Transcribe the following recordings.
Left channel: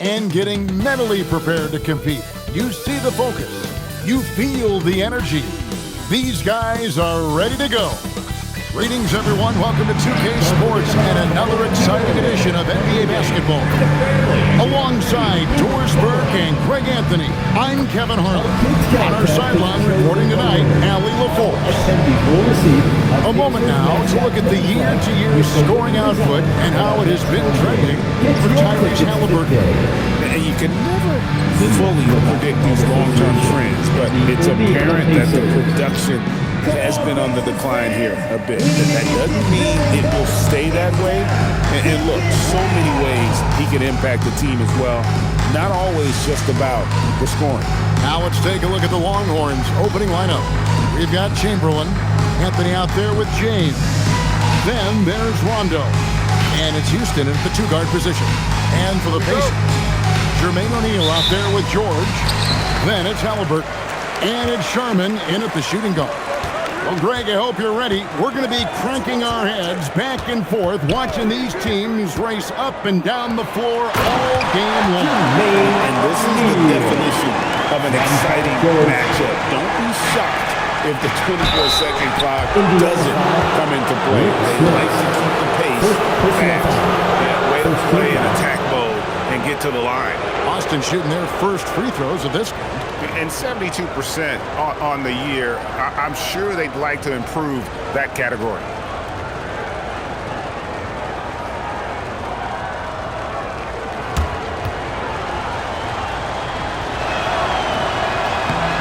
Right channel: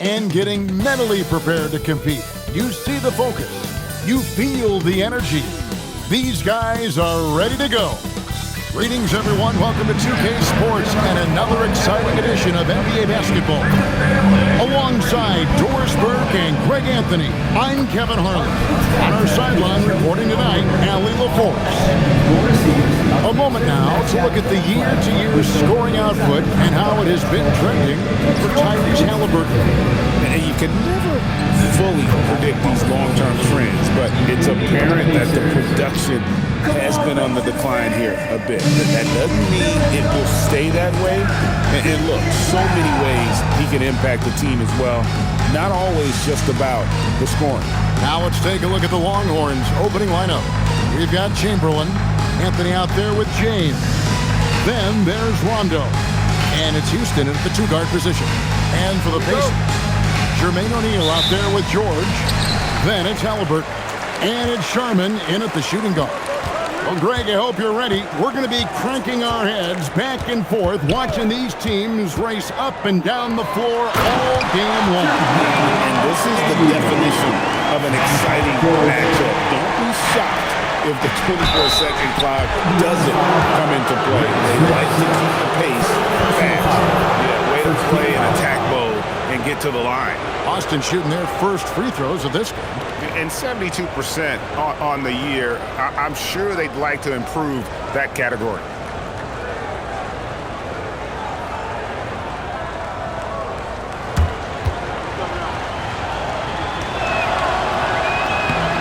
And getting mentally prepared to compete. You see the focus. You feel the energy. These guys are ready to go. Greetings, everyone. Welcome to 2K Sports and another exciting edition of NBA basketball. Alongside Doris Burke and Greg Anthony, I'm Kevin Harlan. On our sideline reporting tonight, Allie LaForce. A moment now to look at the year-to-year scoring output and how it has been trending for Tyrese Halliburton. And you can never fully predict these long-term trends, but it's apparent that the production has been on the decline here a bit. That doesn't mean it will stay that way. And look, so many ways he can impact the team as well. Not always just about the scoring. Now let's take a look at the Longhorns opening lineup. We've got Chamberlain, Anthony out there with James. Then there's Rondo. And it's Houston at the two-guard position. And for the Pacers, Jermaine O'Neal out there with George. Then it's Halliburton. And it's Sharman in at the shooting guard. Well, Greg, I hope you're ready. We're going to be cranking our heads back and forth, watching these teams race up and down the floor all game long. And this is the definition of an exciting matchup. Don't be shocked if the 24-second clock doesn't come into play. They like to keep the pace fast. Yeah, way to play in attack mode and get to the line. Austin shooting their first free throws of this game. And 72% on the year. I'm sure they'd like to improve that category.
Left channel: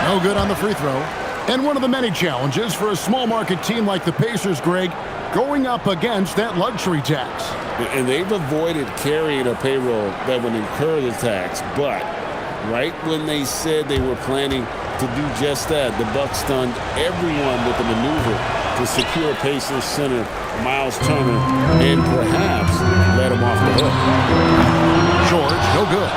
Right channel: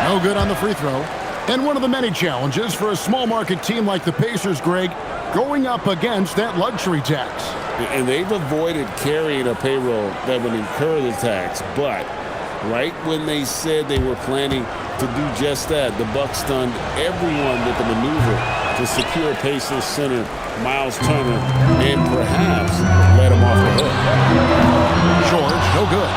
No good on the free throw. And one of the many challenges for a small market team like the Pacers, Greg, going up against that luxury tax. And they've avoided carrying a payroll that would incur the tax, but right when they said they were planning to do just that, the Bucks stunned everyone with the maneuver to secure Pacers center Miles Turner and perhaps let him off the hook. George, no good.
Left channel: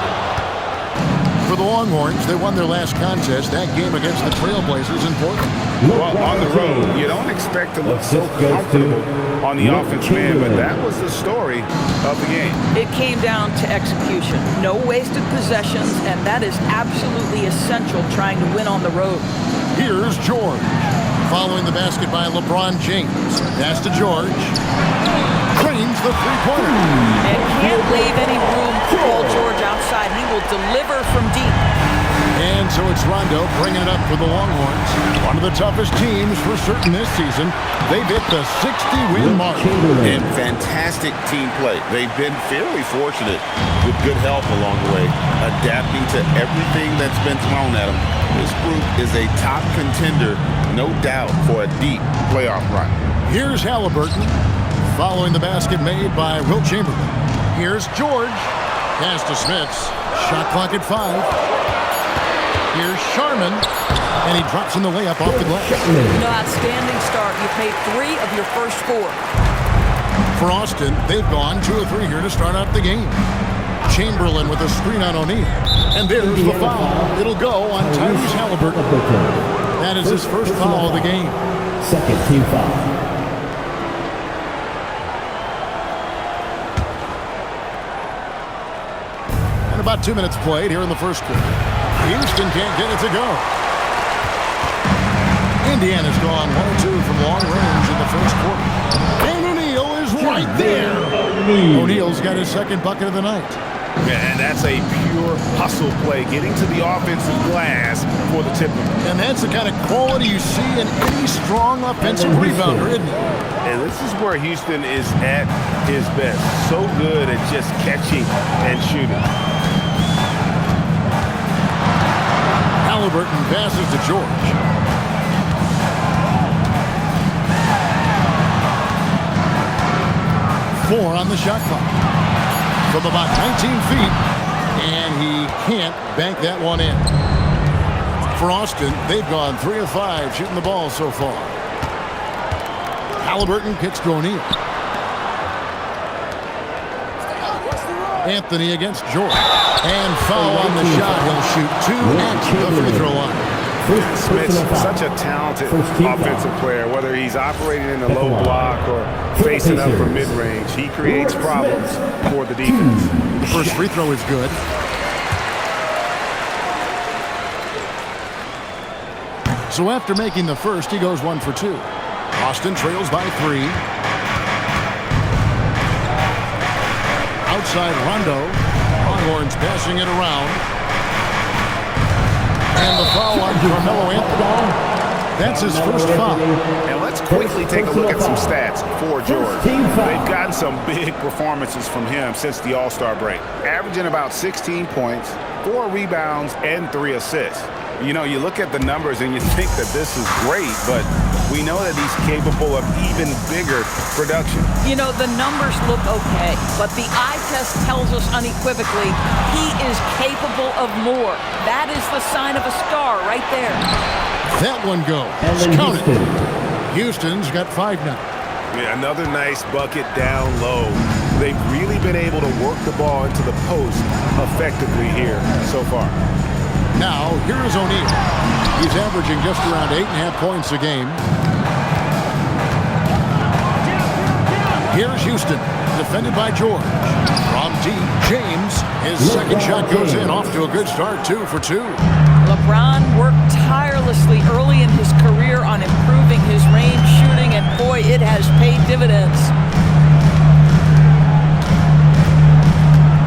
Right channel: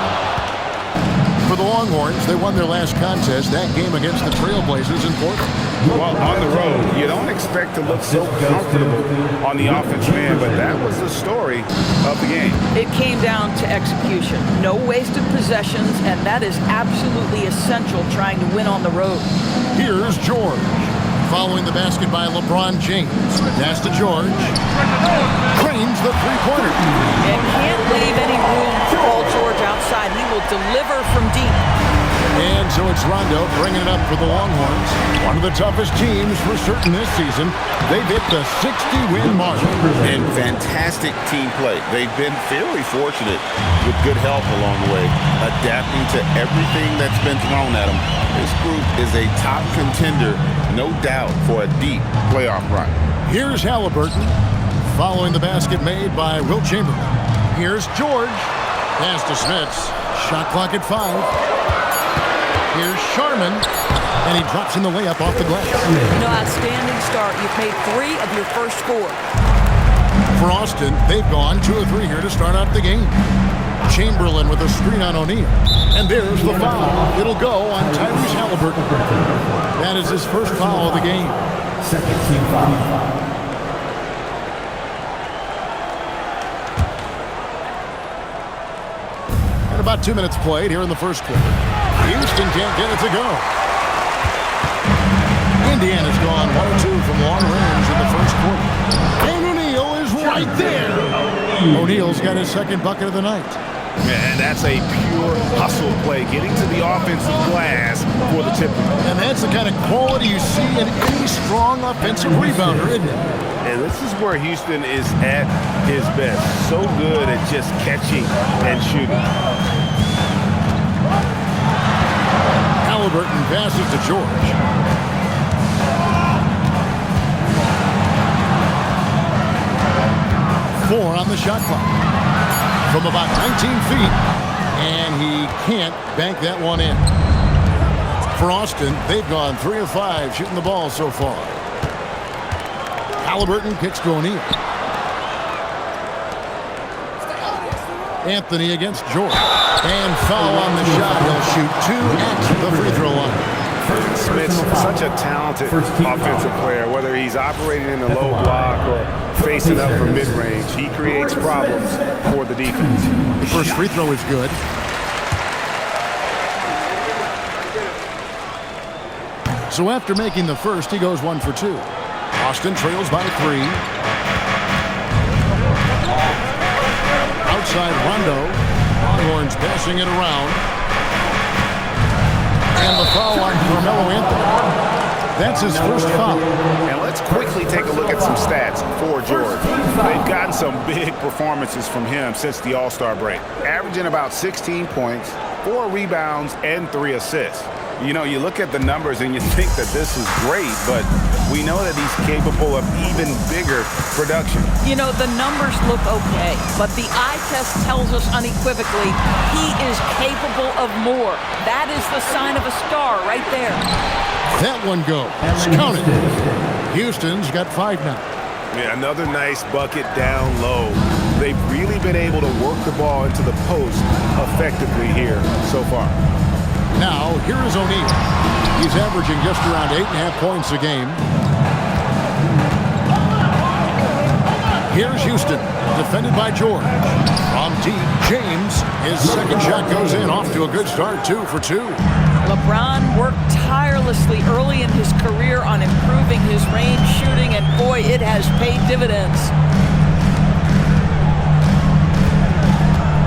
For the Longhorns, they won their last contest, that game against the Trailblazers in Portland. Well, on the road, you don't expect to look so comfortable on the offensive end, but that was the story of the game. It came down to execution. No wasted possessions, and that is absolutely essential trying to win on the road. Here's George. Following the basket by LeBron James. Pass to George. Drains the three-pointer. And can't leave any room for Paul George outside. He will deliver from deep. And so it's Rondo bringing it up for the Longhorns. One of the toughest teams for certain this season. They've hit the 60-win mark. And fantastic team play. They've been fairly fortunate with good help along the way, adapting to everything that's been thrown at them. This group is a top contender, no doubt, for a deep playoff run. Here's Halliburton, following the basket made by Wilt Chamberlain. Here's George. Pass to Smits. Shot clock at 5. Here's Sharman, and he drops in the layup off the glass. Outstanding start. You've made 3 of your first 4. For Austin, they've gone 2 of 3 here to start out the game. Chamberlain with a screen on O'Neal. And there's the foul. It'll go on Tyrese Halliburton. That is his first foul of the game. Second team foul. And about 2 minutes played here in the first quarter. Houston can't get it to go. Indiana's gone 1 of 2 from long range in the first quarter. And O'Neal is right there. O'Neal's got his second bucket of the night. And that's a pure hustle play, getting to the offensive glass for the tip. And that's the kind of quality you see in any strong offensive rebounder, isn't it? And this is where Houston is at his best. So good at just catching and shooting. Halliburton passes to George. Four on the shot clock. From about 19 feet, and he can't bank that one in. For Austin, they've gone 3 of 5 shooting the ball so far. Halliburton kicks to O'Neal. Anthony against George. And foul on the shot. He'll shoot 2 at the free throw line. Smith's such a talented offensive player, whether he's operating in the low block or facing up for mid-range. He creates problems for the defense. The first free throw is good. So after making the first, he goes 1 for 2. Austin trails by 3. Outside Rondo. Longhorns passing it around. And the foul on Carmelo Anthony. That's his first foul. And let's quickly take a look at some stats for George. They've gotten some big performances from him since the All-Star break, averaging about 16 points, 4 rebounds, and 3 assists. You know, you look at the numbers and you think that this is great, but we know that he's capable of even bigger production. You know, the numbers look okay, but the eye test tells us unequivocally he is capable of more. That is the sign of a star right there. That one goes. Count it. Houston's got 5 now. Yeah, another nice bucket down low. They've really been able to work the ball into the post effectively here so far. Now, here is O'Neal. He's averaging just around 8.5 points a game. Here's Houston, defended by George. From deep, James. His second shot goes in, off to a good start, 2 for 2. LeBron worked tirelessly early in his career on improving his range shooting, and boy, it has paid dividends.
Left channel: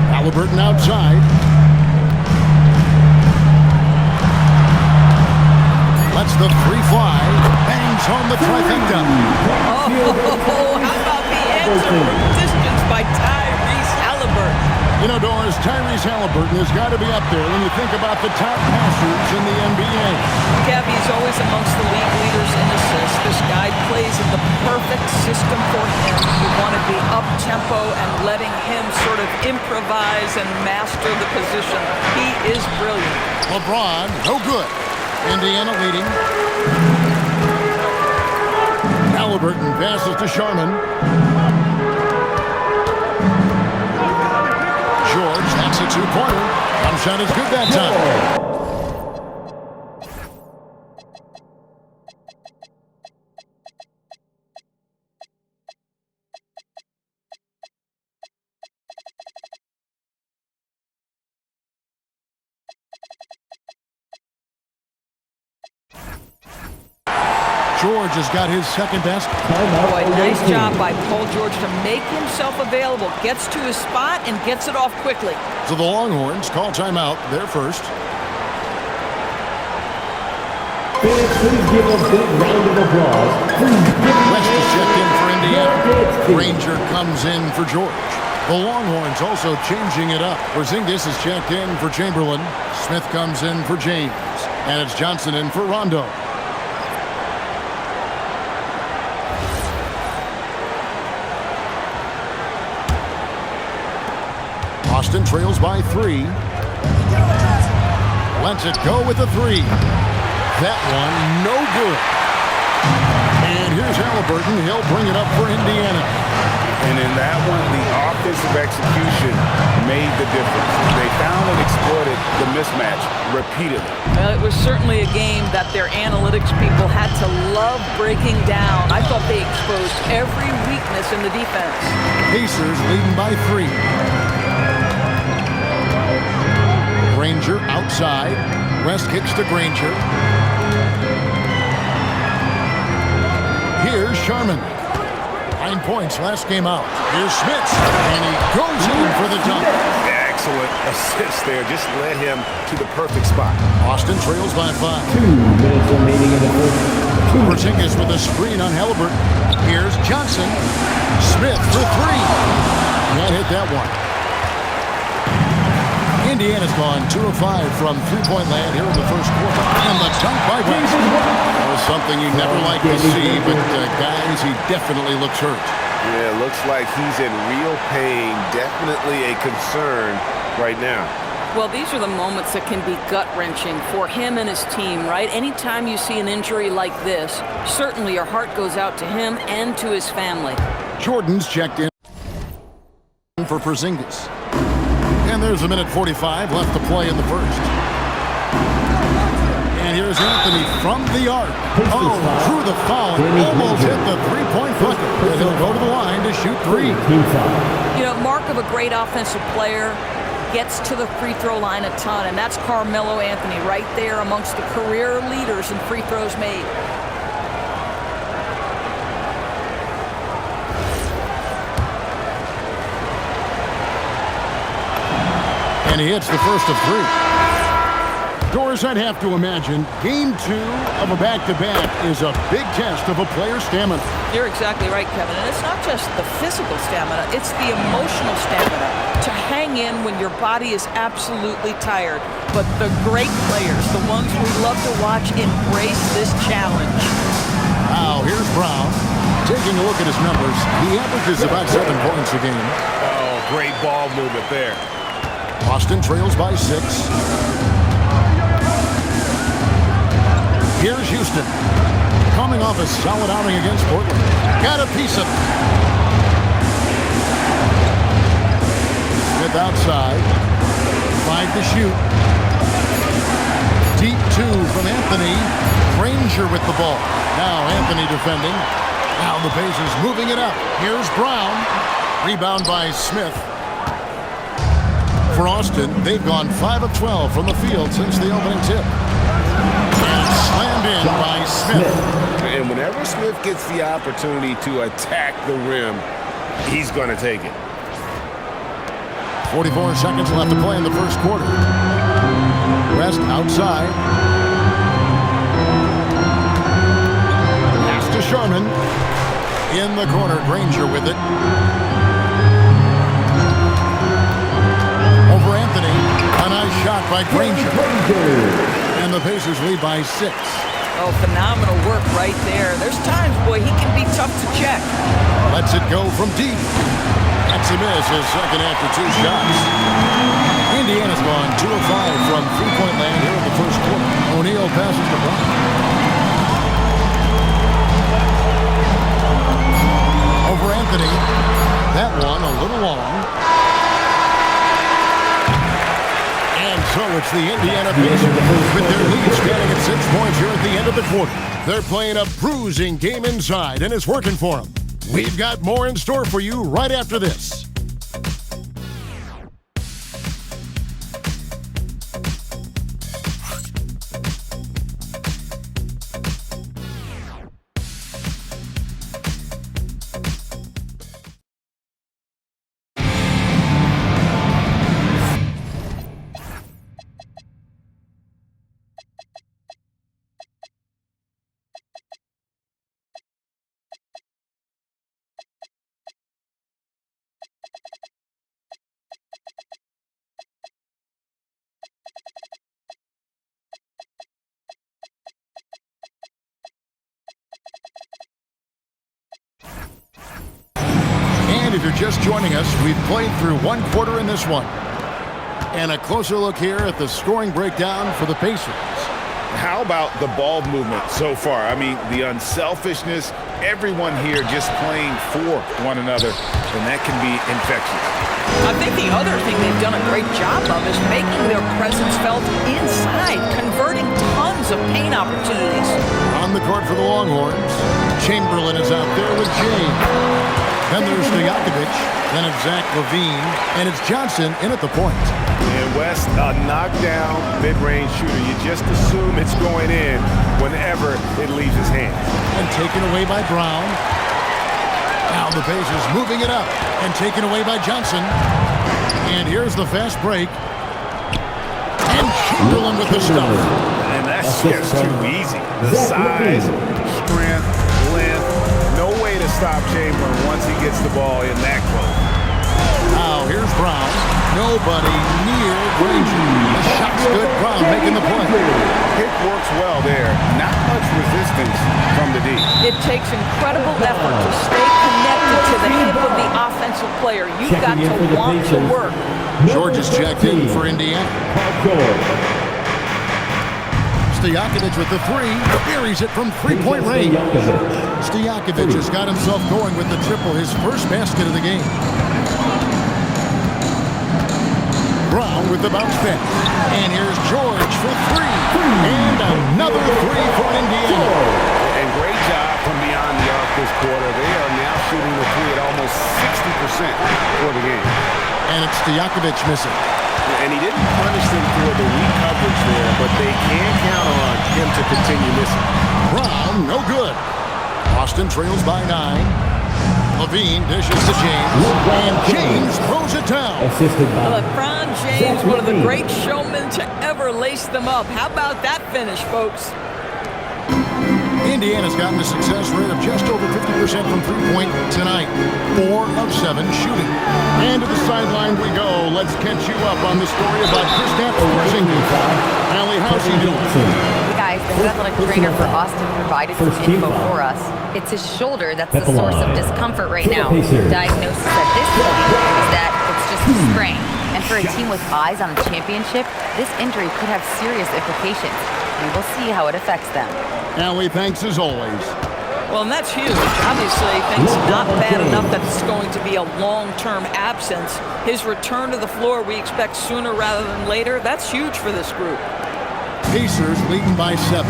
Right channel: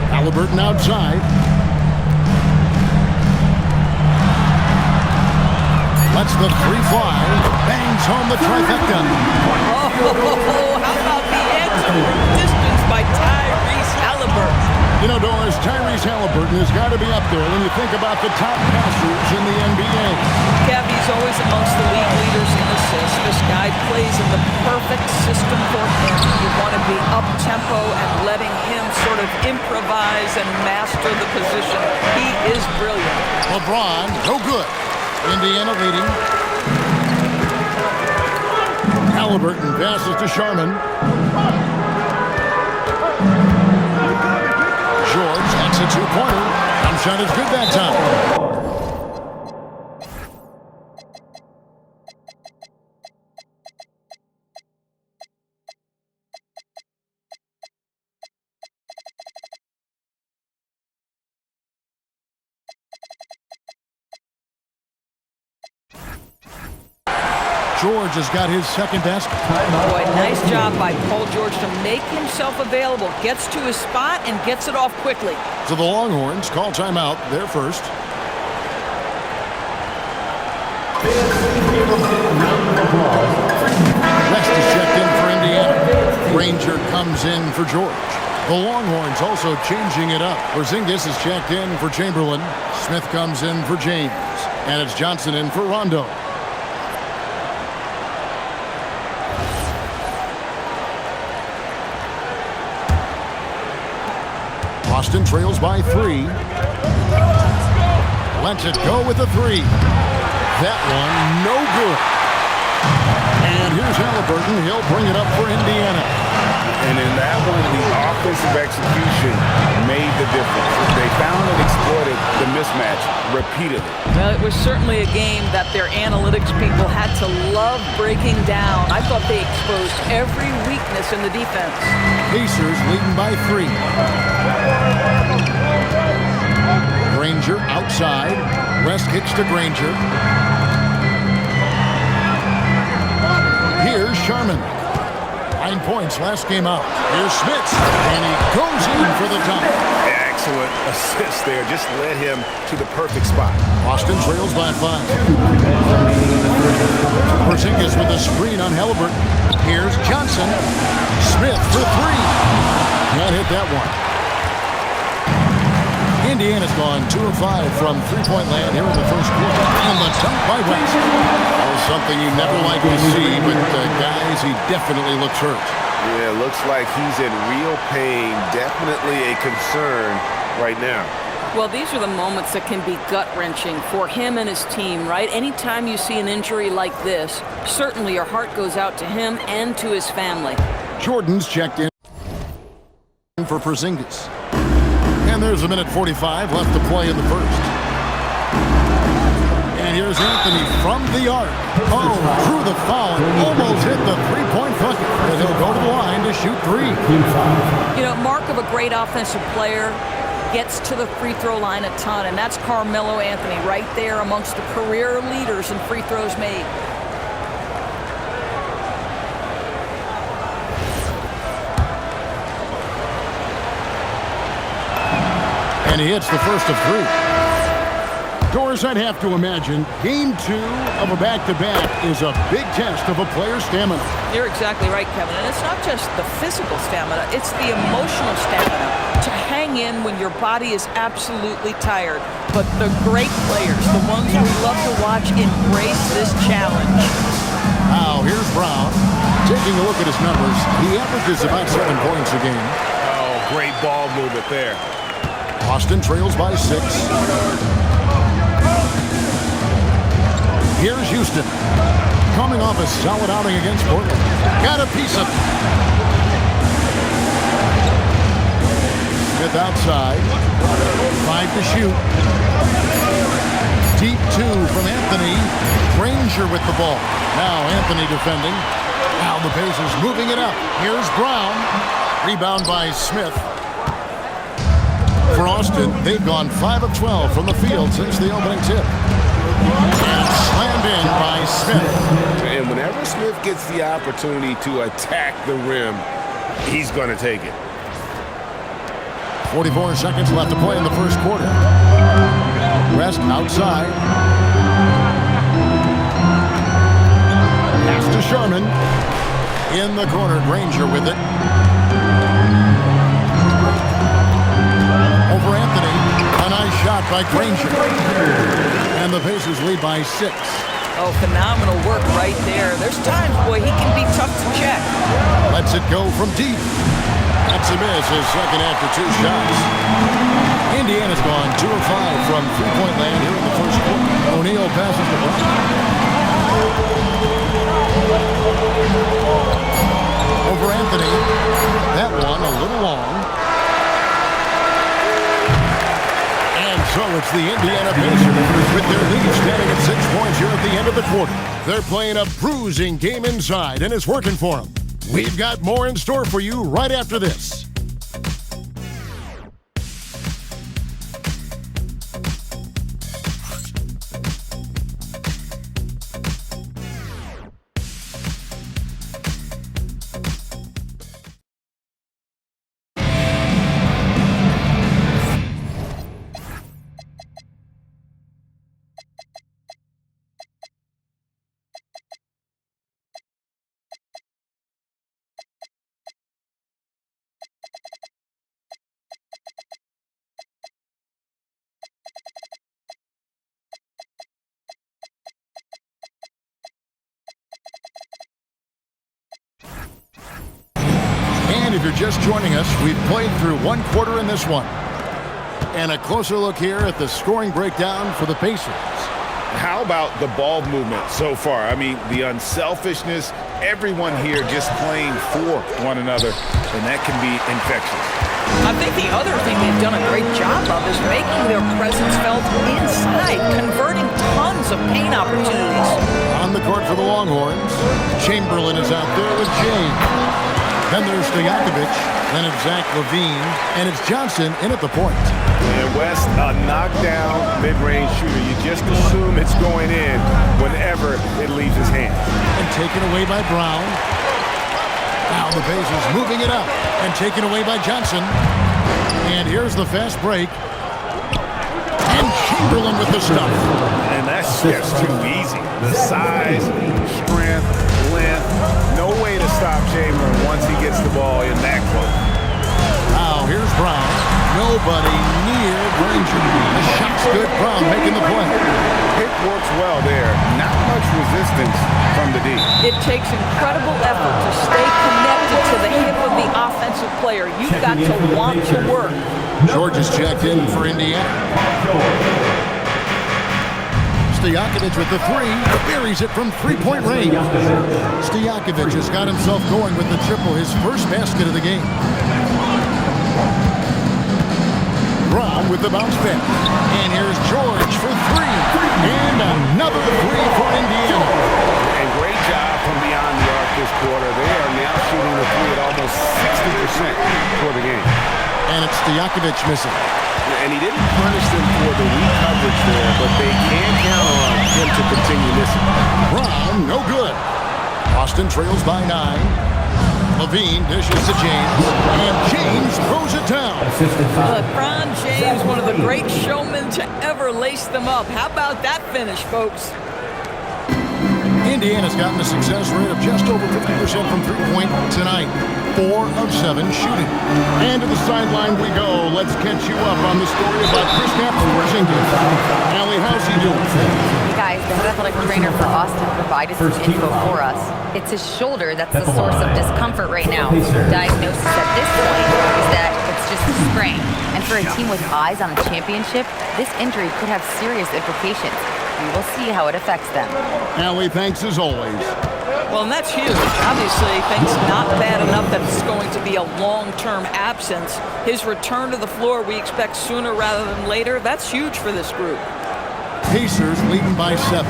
Halliburton outside. Lets the 3 fly. Bangs home the trifecta. Oh, how about the answer from distance by Tyrese Halliburton? You know, Doris, Tyrese Halliburton has got to be up there when you think about the top passers in the NBA. Kev, he's always amongst the league leaders in assists. This guy plays in the perfect system for him. You want to be up-tempo and letting him sort of improvise and master the position. He is brilliant. LeBron, no good. Indiana leading. Halliburton passes to Sharman. George, that's a 2-pointer. Jump shot is good that time. George has got his second basket. Boy, nice job by Paul George to make himself available. Gets to his spot and gets it off quickly. So the Longhorns call timeout. They're first. West is checked in for Indiana. Granger comes in for George. The Longhorns also changing it up. Porzingis is checked in for Chamberlain. Smith comes in for James. And it's Johnson in for Rondo. Austin trails by 3. Lets it go with a 3. That one, no good. And here's Halliburton. He'll bring it up for Indiana. And in that one, the offensive execution made the difference. They found and exploited the mismatch repeatedly. Well, it was certainly a game that their analytics people had to love breaking down. I thought they exposed every weakness in the defense. Pacers leading by 3. Granger outside. West kicks to Granger. Here's Sharman. 9 points last game out. Here's Smith. And he goes in for the dunk. Excellent assist there. Just led him to the perfect spot. Austin trails by 5. Porzingis with a screen on Halliburton. Here's Johnson. Smith for 3. Can't hit that one. Indiana's gone 2 of 5 from three-point land here in the first quarter. And the dunk by West. Well, something you never like to see, but guys, he definitely looks hurt. Yeah, looks like he's in real pain. Definitely a concern right now. Well, these are the moments that can be gut-wrenching for him and his team, right? Anytime you see an injury like this, certainly your heart goes out to him and to his family. Jordan's checked in for Porzingis. And there's a minute 45 left to play in the first. And here's Anthony from the arc. Oh, drew the foul and almost hit the three-point bucket. And he'll go to the line to shoot three. Team foul. You know, mark of a great offensive player, gets to the free throw line a ton, and that's Carmelo Anthony right there amongst the career leaders in free throws made. And he hits the first of three. Doris, I'd have to imagine Game 2 of a back-to-back is a big test of a player's stamina. You're exactly right, Kevin. And it's not just the physical stamina, it's the emotional stamina to hang in when your body is absolutely tired. But the great players, the ones we love to watch, embrace this challenge. Now, here's Brown. Taking a look at his numbers, he averages about 7 points a game. Oh, great ball movement there. Boston trails by 6. Here's Houston, coming off a solid outing against Portland. Got a piece of it. Smith outside. 5 to shoot. Deep 2 from Anthony. Granger with the ball. Now Anthony defending. Now the Pacers moving it up. Here's Brown. Rebound by Smith. For Austin, they've gone 5 of 12 from the field since the opening tip. And slammed in by Smith. And whenever Smith gets the opportunity to attack the rim, he's going to take it. 44 seconds left to play in the first quarter. West outside. Pass to Sharman. In the corner, Granger with it. Over Anthony. A nice shot by Granger. And the Pacers lead by 6. Oh, phenomenal work right there. There's times, boy, he can be tough to check. Lets it go from deep. That's a miss, his second after 2 shots. Indiana's gone 2 of 5 from three-point land here in the first quarter. O'Neal passes to Brown. Over Anthony. That one a little long. And so it's the Indiana Pacers with their lead standing at 6 points here at the end of the quarter. They're playing a bruising game inside, and it's working for them. We've got more in store for you right after this. And if you're just joining us, we've played through 1 quarter in this one. And a closer look here at the scoring breakdown for the Pacers. How about the ball movement so far? I mean, the unselfishness, everyone here just playing for one another, and that can be infectious. I think the other thing they've done a great job of is making their presence felt inside, converting tons of paint opportunities. On the court for the Longhorns, Chamberlain is out there with James. Then there's Stojakovic, then it's Zach LaVine, and it's Johnson in at the point. And West, a knockdown mid-range shooter. You just assume it's going in whenever it leaves his hands. And taken away by Brown. Now the Pacers moving it up and taken away by Johnson. And here's the fast break. And Chamberlain with the stuff. And that's just too easy. The size, strength, length, no way to stop Chamberlain once he gets the ball in that close. Now here's Brown. Nobody near Granger. The shot's good. Brown making the play. Pick works well there. Not much resistance from the D. It takes incredible effort to stay connected to the hip of the offensive player. You've got to want to work. George is checked in for Indiana. Stojakovic with the 3, buries it from three-point range. Stojakovic has got himself going with the triple, his first basket of the game. Brown with the bounce pass. And here's George for three. And another three for Indiana. And great job from beyond the arc this quarter. They are now shooting the three at almost 60% for the game. And it's Stojakovic missing. And he didn't punish them for the weak coverage there, but they can count on him to continue missing. Brown, no good. Boston trails by 9. Levine dishes to James, and James throws it down. LeBron James, one of the great showmen to ever lace them up. How about that finish, folks? Indiana's gotten a success rate of just over 50% from three-point tonight. 4 of 7 shooting. And to the sideline we go. Let's catch you up on the story about Kristaps Porzingis. Allie, how's he doing? Hey guys, the head athletic trainer for Austin provided some info for us. It's his shoulder that's the source of discomfort right now. Diagnosis at this point is that it's just a sprain. And for a team with eyes on a championship, this injury could have serious implications. We will see how it affects them. Allie, thanks as always. Well, and that's huge. Obviously, things not bad enough that it's going to be a long-term absence. His return to the floor we expect sooner rather than later. That's huge for this group. Pacers leading by 7.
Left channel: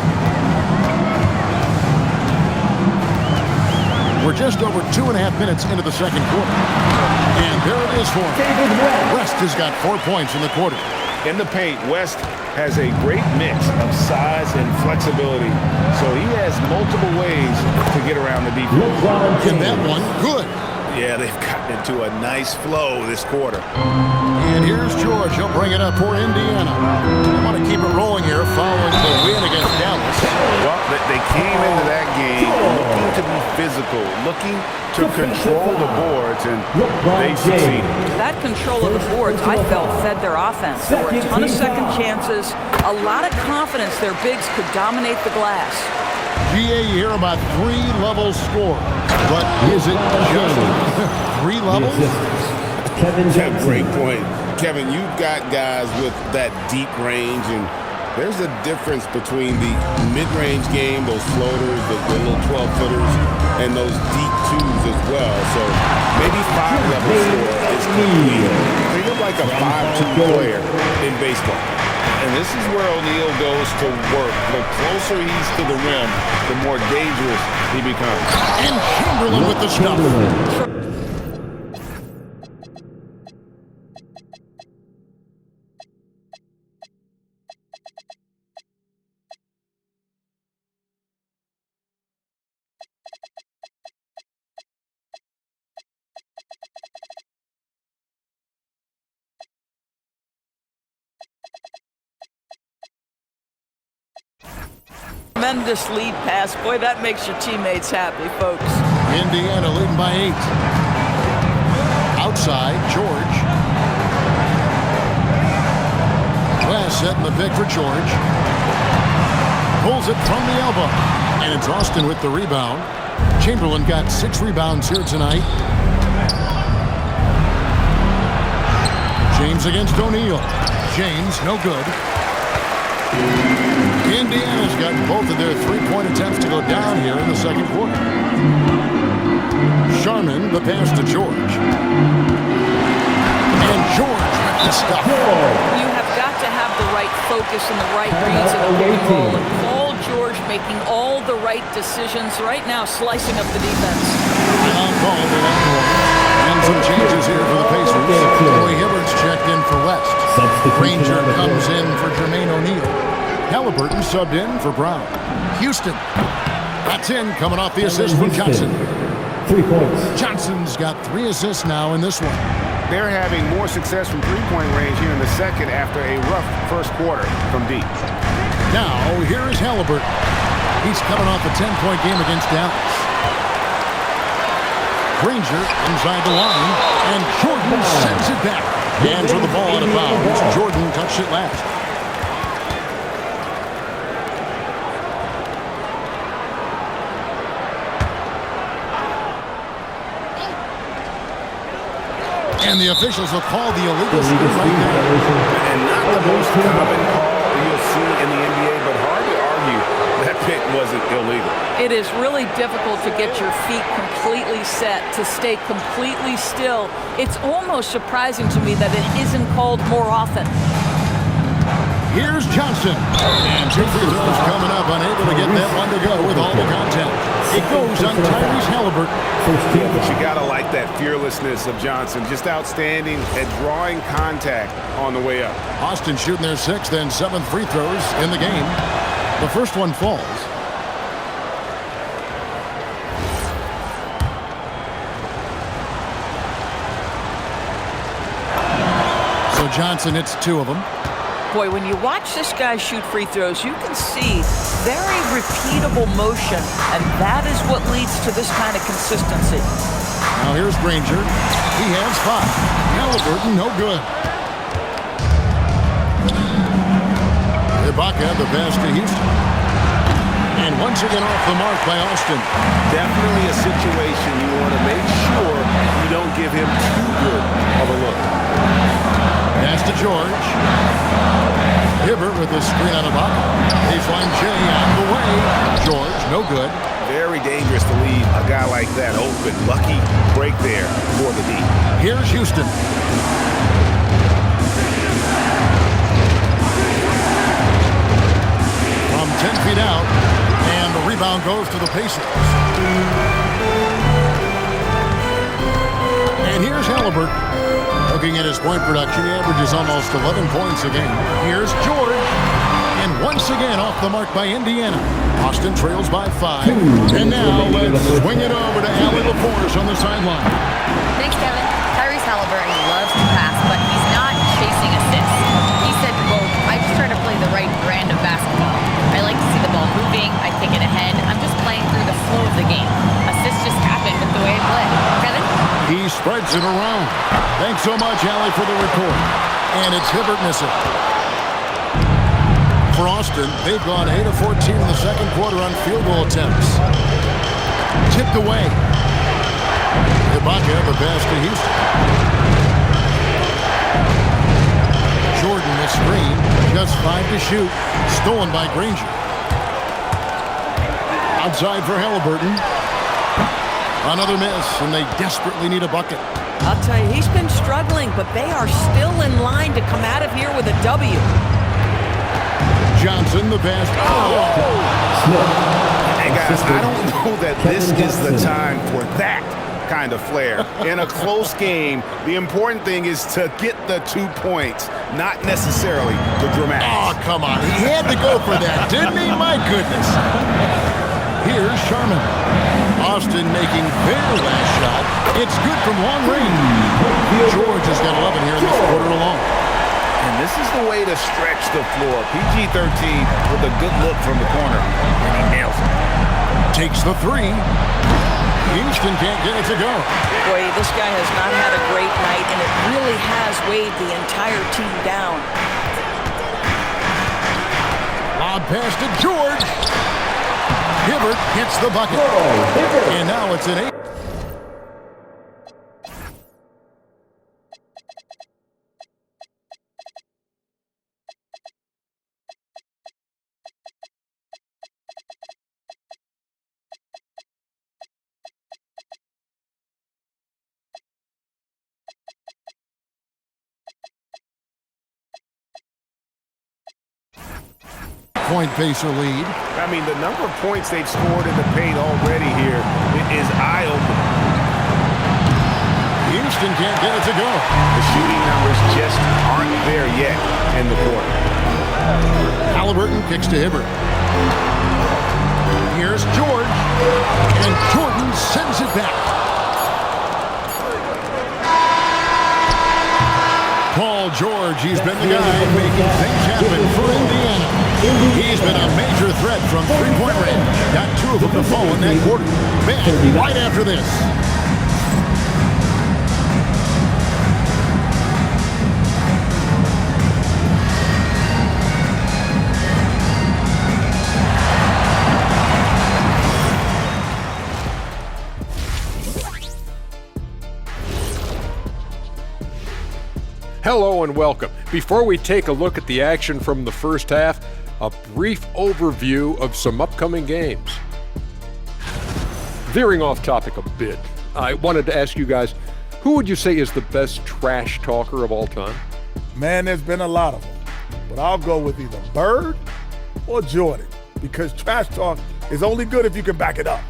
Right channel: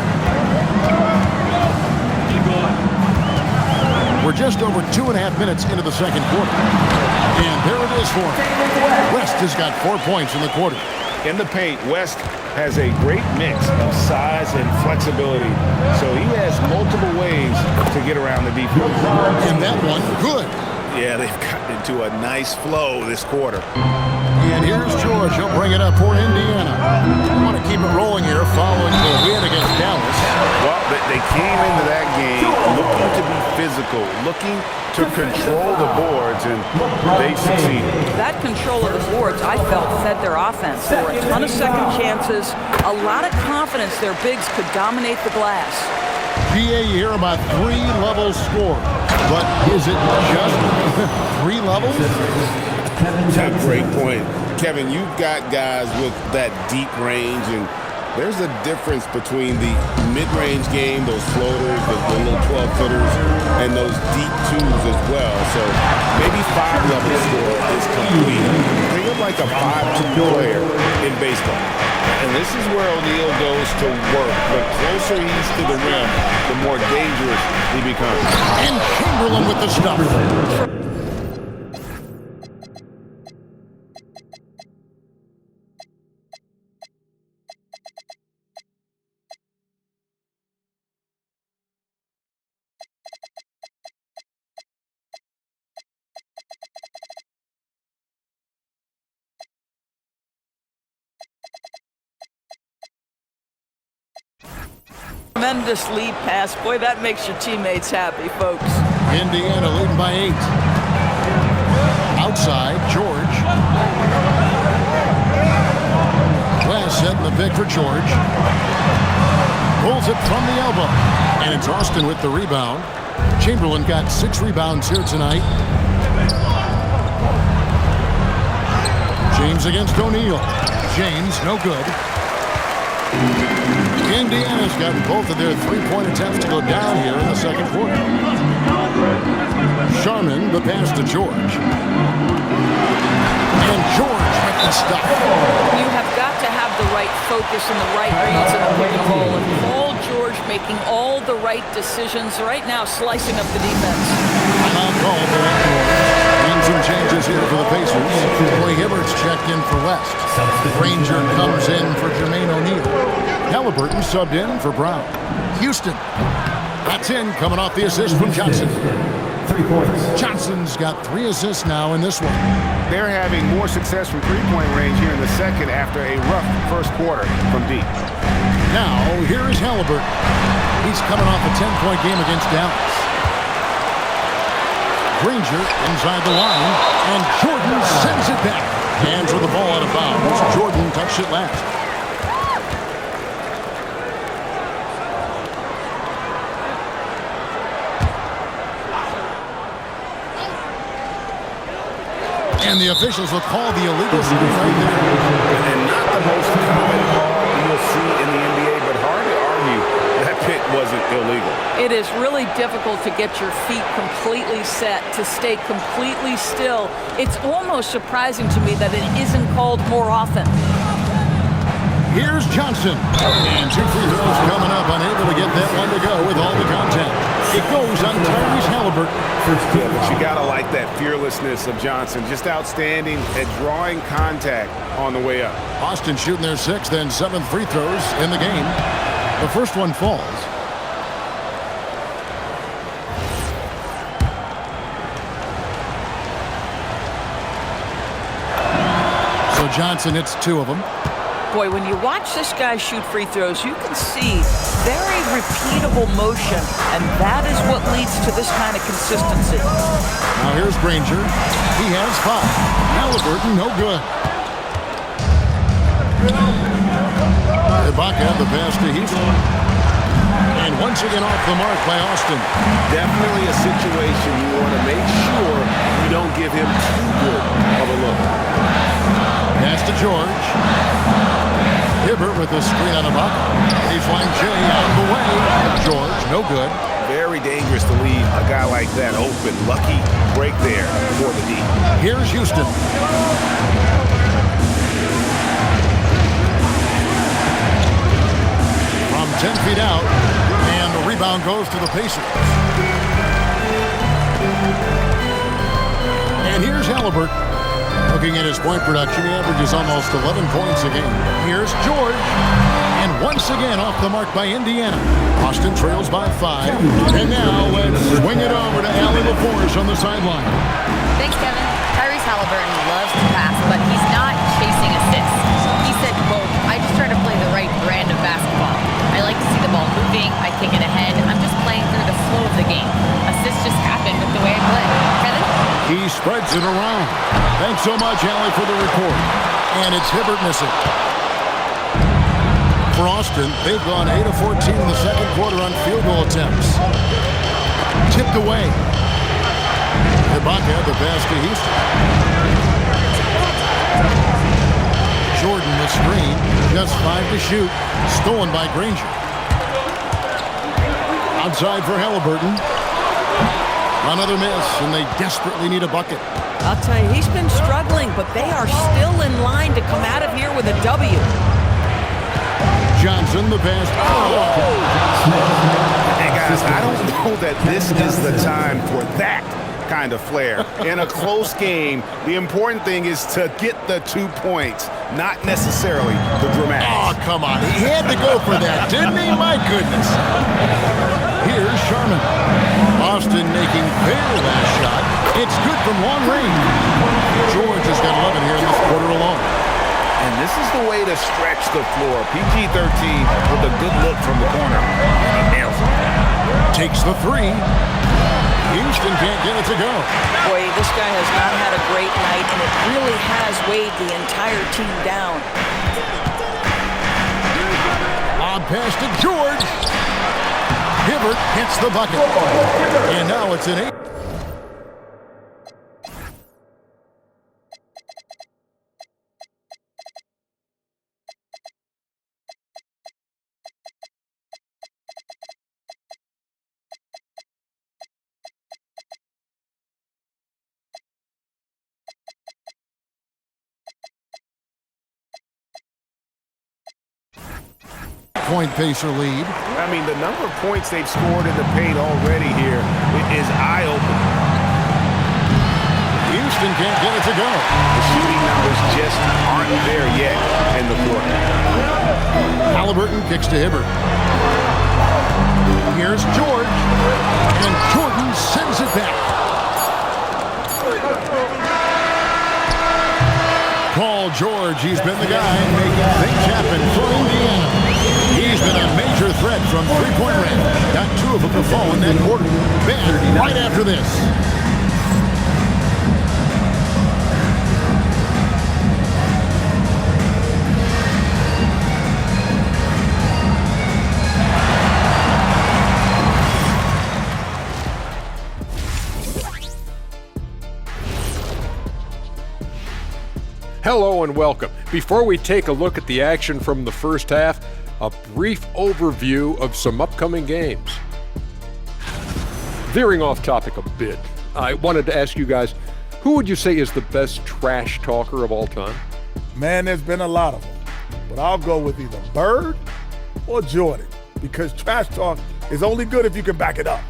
We're just over 2.5 minutes into the second quarter. And there it is for him. West has got 4 points in the quarter. In the paint, West has a great mix of size and flexibility, so he has multiple ways to get around the defense. And that one, good. Yeah, they've gotten into a nice flow this quarter. And here's George. He'll bring it up for Indiana. They want to keep it rolling here following the win against Dallas. Well, they came into that game looking to be physical, looking to control the boards, and they succeeded. That control of the boards, I felt, fed their offense. There were a ton of second chances, a lot of confidence their bigs could dominate the glass. GA, you hear about 3 levels score, but is it just 3 levels? That's a great point. Kevin, you've got guys with that deep range, and there's a difference between the mid-range game, those floaters, the little 12-footers, and those deep twos as well. So maybe 5-level score is complete. Think of like a 5-2 player in baseball. And this is where O'Neal goes to work. The closer he's to the rim, the more dangerous he becomes. And Chamberlain with the stuff. Tremendous lead pass. Boy, that makes your teammates happy, folks. Indiana leading by 8. Outside, George. West setting the pick for George. Pulls it from the elbow. And it's Austin with the rebound. Chamberlain got 6 rebounds here tonight. James against O'Neal. James, no good. Indiana's gotten both of their 3-point attempts to go down here in the second quarter. Sharman, the pass to George. And George with the stuff. You have got to have the right focus and the right reads in the pick and roll. And Paul George making all the right decisions right now, slicing up the defense. Timeout call for Longhorns. And some changes here for the Pacers. Roy Hibbert's checked in for West. Granger comes in for Jermaine O'Neal. Halliburton subbed in for Brown. Houston. That's in, coming off the assist from Johnson. 3 points. Johnson's got 3 assists now in this one. They're having more success from three-point range here in the second after a rough first quarter from deep. Now, here is Halliburton. He's coming off a 10-point game against Dallas. Granger inside the line, and Jordan sends it back. Hands with the ball out of bounds. Jordan touched it last. And the officials will call the illegal screen right there. And not the most common call you'll see in the NBA, but hard to argue that pick wasn't illegal. It is really difficult to get your feet completely set, to stay completely still. It's almost surprising to me that it isn't called more often. Here's Johnson. And 2 free throws coming up, unable to get that one to go with all the contact. It goes on Tyrese Halliburton. Yeah, but you gotta like that fearlessness of Johnson. Just outstanding at drawing contact on the way up. Austin shooting their 6th and 7th free throws in the game. The first one falls. So Johnson hits 2 of them. Boy, when you watch this guy shoot free throws, you can see very repeatable motion, and that is what leads to this kind of consistency. Now here's Granger. He has 5. Halliburton, no good. Ibaka, the pass to Houston. And once again off the mark by Austin. Definitely a situation you want to make sure you don't give him too good of a look. Pass to George. Hibbert with the screen on Ibaka. Baseline J out of the way. George, no good. Very dangerous to leave a guy like that open. Lucky break there for the D. Here's Houston. From 10 feet out, and the rebound goes to the Pacers. And here's Halliburton. Looking at his point production, he averages almost 11 points a game. Here's George. And once again off the mark by Indiana. Austin trails by 5. And now let's swing it over to Allie LaForce on the sideline. Thanks, Kevin. Tyrese Halliburton loves to pass, but he's not chasing assists. He said, quote, "I just try to play the right brand of basketball. I like to see the ball moving. I kick it ahead. I'm just playing through the flow of the game. Assists just happen with the way I play." Kevin? He spreads it around. Thanks so much, Allie, for the report. And it's Hibbert missing. For Austin, they've gone 8 of 14 in the second quarter on field goal attempts. Tipped away. Ibaka, the pass to Houston. Jordan, the screen. Just 5 to shoot. Stolen by Granger. Outside for Halliburton. Another miss, and they desperately need a bucket. I'll tell you, he's been struggling, but they are still in line to come out of here with a W. Johnson, the pass. And guys, I don't know that this is the time for that kind of flair. In a close game, the important thing is to get the 2 points, not necessarily the dramatics. Oh, come on. He had to go for that, didn't he? My goodness. Here's Sharman. Austin making their last shot. It's good from long range. George has got 11 here in this quarter alone. And this is the way to stretch the floor. PG-13 with a good look from the corner, and he nails it. Takes the 3. Houston can't get it to go. Boy, this guy has not had a great night, and it really has weighed the entire team down. Lob pass to George. Hibbert hits the bucket. And now it's an 8. Point Pacer lead. I mean, the number of points they've scored in the paint already here is eye-opening. Houston can't get it to go. The shooting numbers just aren't there yet in the quarter. Halliburton kicks to Hibbert. Here's George. And Jordan sends it back. Paul George, he's been the guy making things happen for Indiana. He's been a major threat from three-point range. Got 2 of them to fall in that quarter. Back right after this. Hello and welcome. Before we take a look at the action from the first half, a brief overview of some upcoming games. Veering off topic a bit, I wanted to ask you guys, who would you say is the best trash talker of all time? Man, there's been a lot of them, but I'll go with either Bird or Jordan, because trash talk is only good if you can back it up.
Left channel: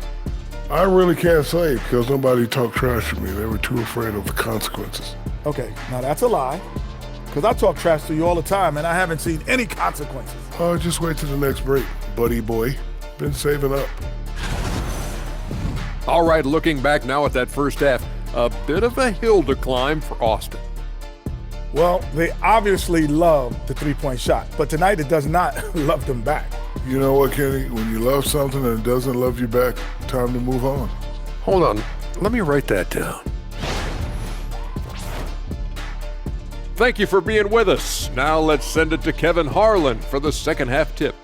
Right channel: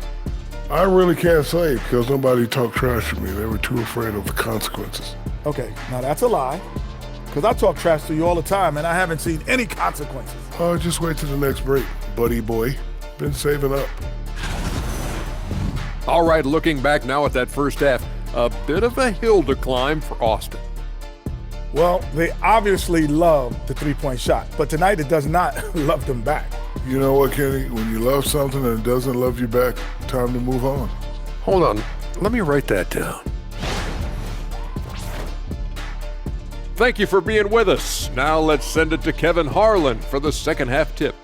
I really can't say because nobody talked trash to me. They were too afraid of the consequences. Okay, now that's a lie, because I talk trash to you all the time, and I haven't seen any consequences. Oh, just wait till the next break, buddy boy. Been saving up. All right, looking back now at that first half, a bit of a hill to climb for Austin. Well, they obviously love the three-point shot, but tonight it does not love them back. You know what, Kenny? When you love something and it doesn't love you back, time to move on. Hold on, let me write that down. Thank you for being with us. Now let's send it to Kevin Harlan for the second half tip.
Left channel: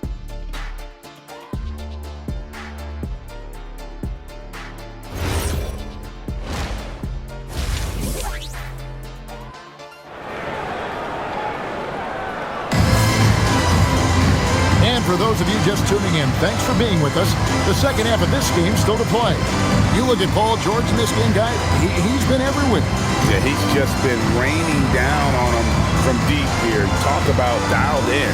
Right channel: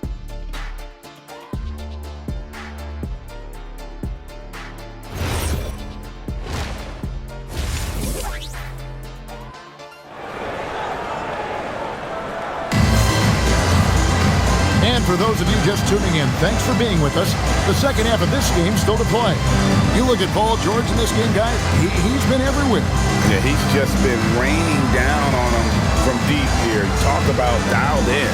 And for those of you just tuning in, thanks for being with us. The second half of this game still to play. You look at Paul George in this game, guys, he's been everywhere. Yeah, he's just been raining down on them from deep here. Talk about dialed in.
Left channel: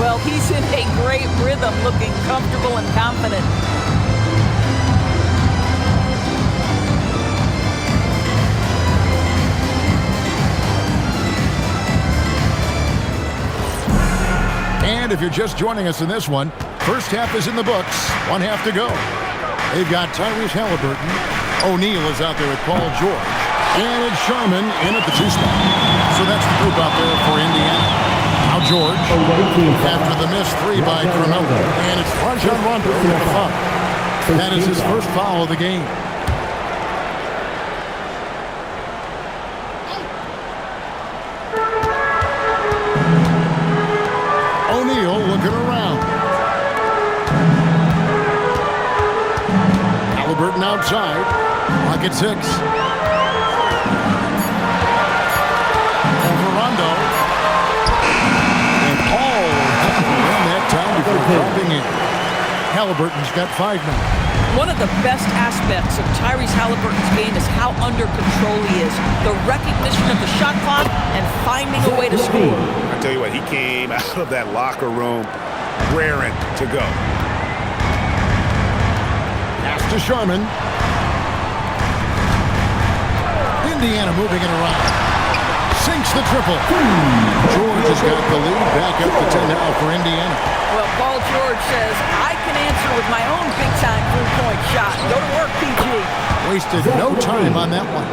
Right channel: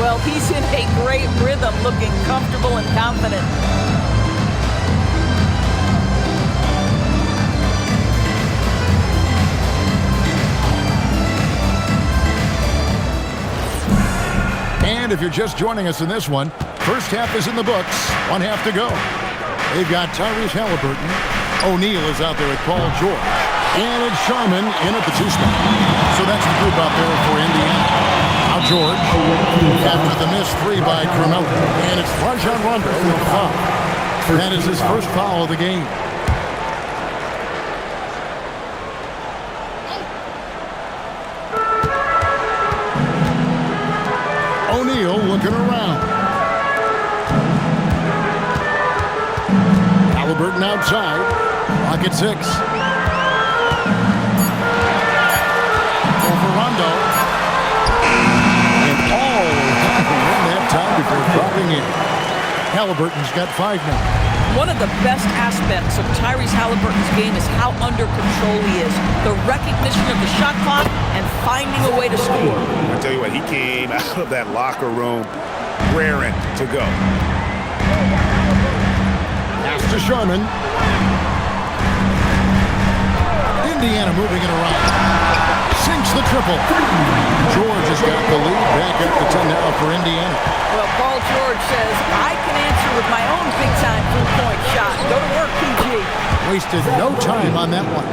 Well, he's in a great rhythm, looking comfortable and confident. And if you're just joining us in this one, first half is in the books, one half to go. They've got Tyrese Halliburton. O'Neal is out there with Paul George. And it's Sharman in at the 2 spot. So that's the group out there for Indiana. Now George, after the missed 3 by Carmelo. And it's Rajon Rondo with the foul. That is his first foul of the game. O'Neal looking around. Halliburton outside. Clock at 6. Over Rondo. And all around the rim that time before dropping in. Halliburton's got 5 now. One of the best aspects of Tyrese Halliburton's game is how under control he is. The recognition of the shot clock and finding a way to score. I tell you what, he came out of that locker room raring to go. Pass to Sharman. Indiana moving it around. Sinks the triple. George has got the lead, back up to 10 now for Indiana. Well, Paul George says, I can answer with my own big-time three-point shot. Go to work, PG. Wasted no time on that one.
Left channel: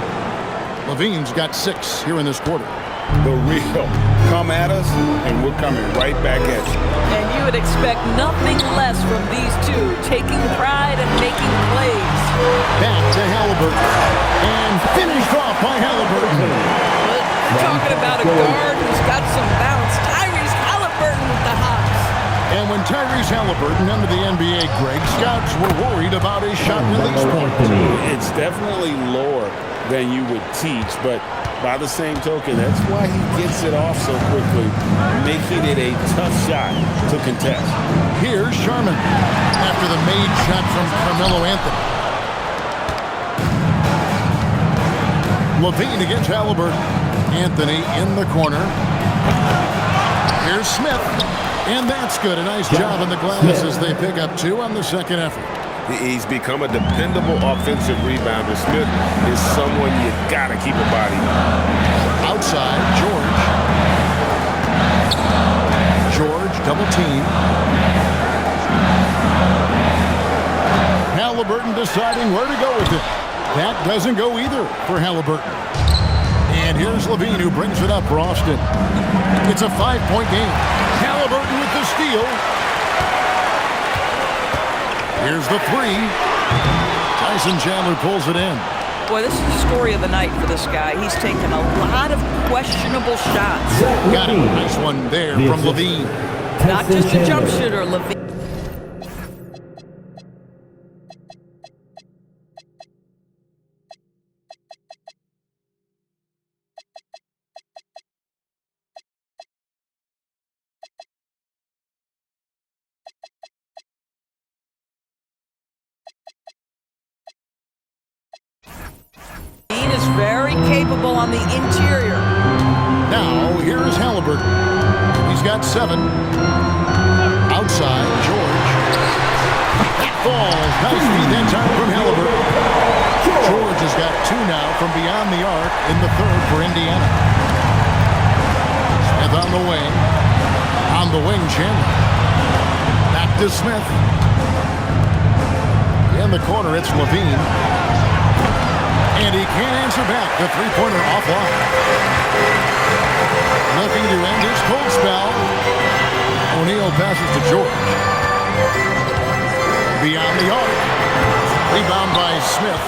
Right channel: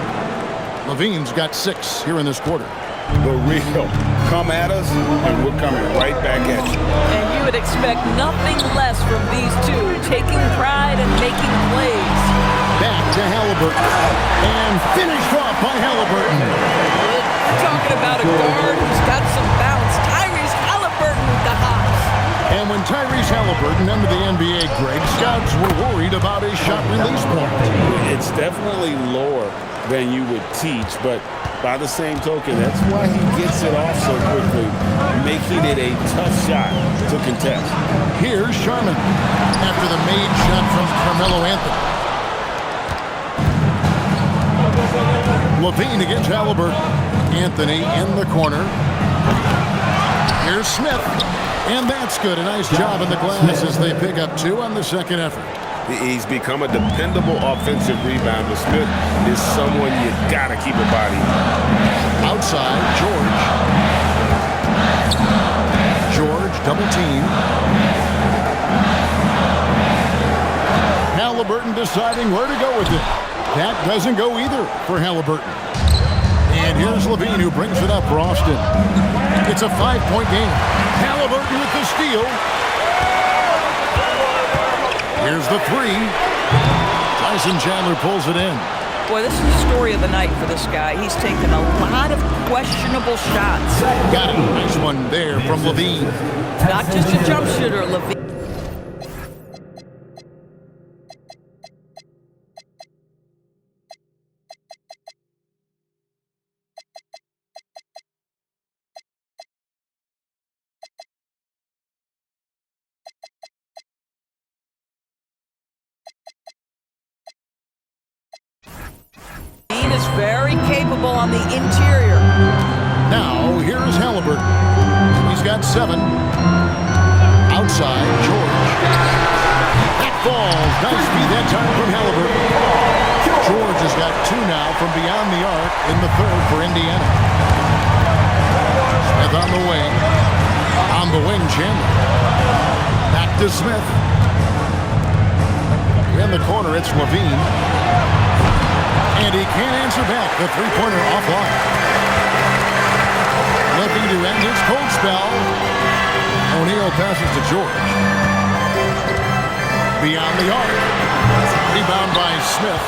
Levine's got 6 here in this quarter. The real. Come at us, and we're coming right back at you. And you would expect nothing less from these two, taking pride and making plays. Back to Halliburton. And finished off by Halliburton. We're talking about a guard who's got some bounce. Tyrese Halliburton with the hops. And when Tyrese Halliburton entered the NBA, Greg, scouts were worried about his shot release point. It's definitely lower than you would teach, but by the same token, that's why he gets it off so quickly, making it a tough shot to contest. Here's Sharman after the made shot from Carmelo Anthony. Levine against Halliburton. Anthony in the corner. Here's Smith. And that's good. A nice job in the glass as they pick up 2 on the second effort. He's become a dependable offensive rebounder. Smith is someone you gotta keep a body. Outside, George. George, double team. Halliburton deciding where to go with it. That doesn't go either for Halliburton. And here's Levine who brings it up for Austin. It's a 5-point game. Halliburton with the steal. Here's the 3. Tyson Chandler pulls it in. Boy, this is the story of the night for this guy. He's taken a lot of questionable shots. Got it. Nice one there from Levine. Not just a jump shooter, Levine. very capable on the interior. Now, here's Halliburton. He's got 7. Outside, George. That falls. Nice feed that time from Halliburton. George has got 2 now from beyond the arc in the third for Indiana. Smith on the wing. On the wing, Chandler. Back to Smith. In the corner, it's Levine. And he can't answer back. The three-pointer offline. Looking to end his cold spell. O'Neal passes to George. Beyond the arc. Rebound by Smith.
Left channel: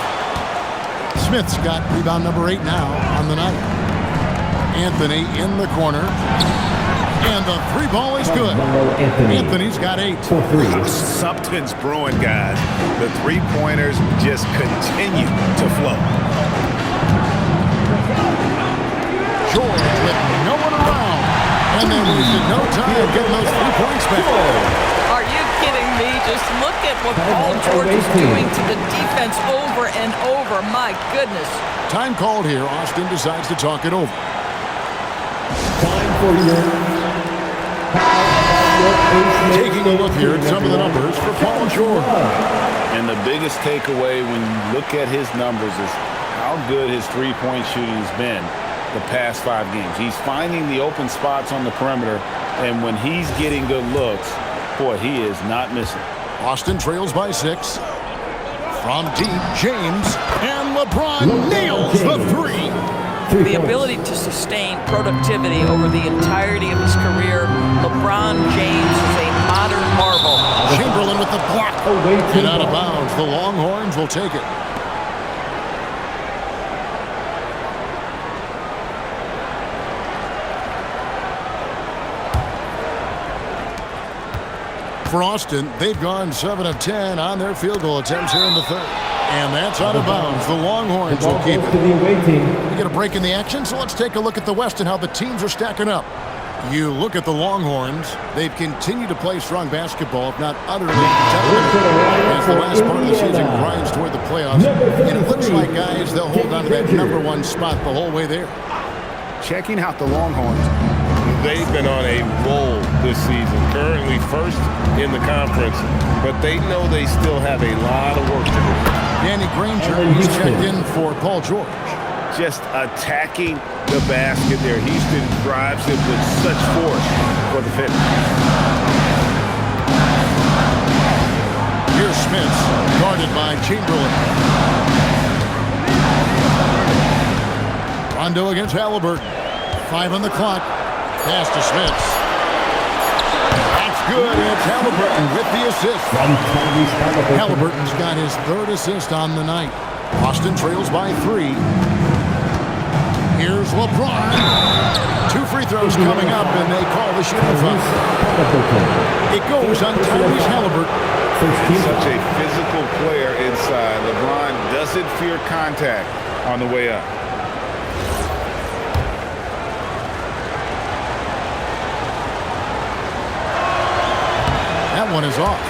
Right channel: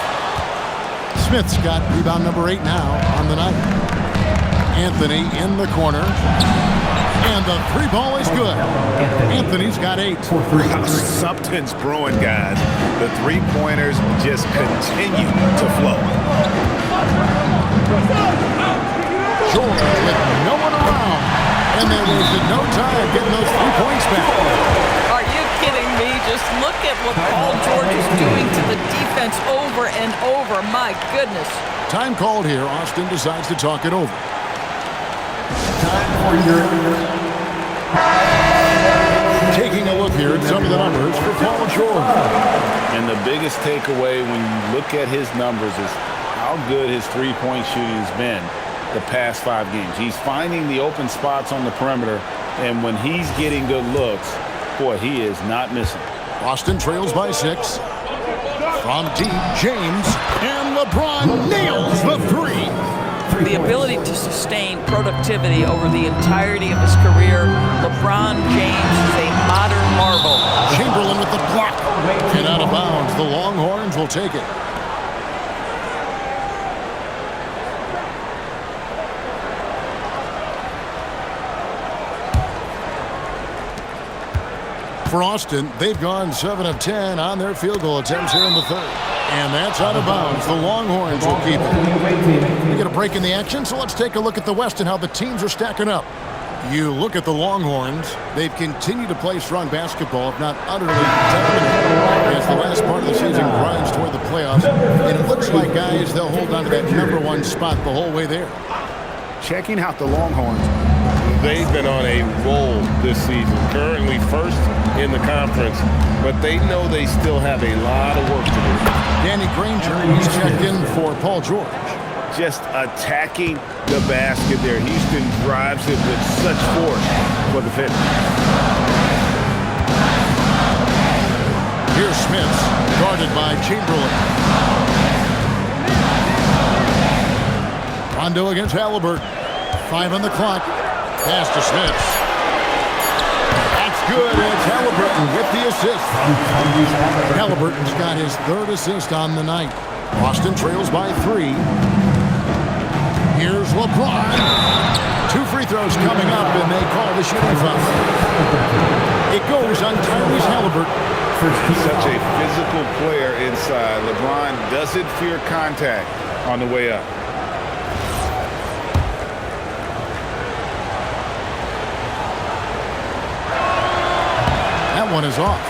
Smith's got rebound number 8 now on the night. Anthony in the corner. And the 3 ball is good. Anthony's got 8. Something's brewing, guys. The 3-pointers just continue to flow. George with no one around. And they wasted no time getting those 3 points back. Are you kidding me? Just look at what Paul George is doing to the defense over and over. My goodness. Time called here. Austin decides to talk it over. Time for your Taking a look here at some of the numbers for Paul George. And the biggest takeaway when you look at his numbers is how good his three-point shooting has been the past 5 games. He's finding the open spots on the perimeter, and when he's getting good looks, boy, he is not missing. Austin trails by 6. From deep, James, and LeBron nails the 3. The ability to sustain productivity over the entirety of his career, LeBron James is a modern marvel. Chamberlain with the block. And out of bounds. The Longhorns will take it. For Austin, they've gone 7 of 10 on their field goal attempts here in the third. And that's out of bounds. The Longhorns will keep it. We get a break in the action, so let's take a look at the West and how the teams are stacking up. You look at the Longhorns. They've continued to play strong basketball, if not utterly dominant, as the last part of the season grinds toward the playoffs. And it looks like, guys, they'll hold on to that number 1 spot the whole way there. Checking out the Longhorns. They've been on a roll this season, currently first in the conference, but they know they still have a lot of work to do. Danny Granger, he's checked in for Paul George. Just attacking the basket there. Houston drives it with such force for the finish. Here's Smith, guarded by Chamberlain. Rondo against Halliburton. 5 on the clock. Pass to Smith. That's good. It's Halliburton with the assist. Halliburton's got his 3rd assist on the night. Austin trails by 3. Here's LeBron. 2 free throws coming up, and they call the shooting foul. It goes on Tyrese Halliburton. He's such a physical player inside. LeBron doesn't fear contact on the way up. That one is off.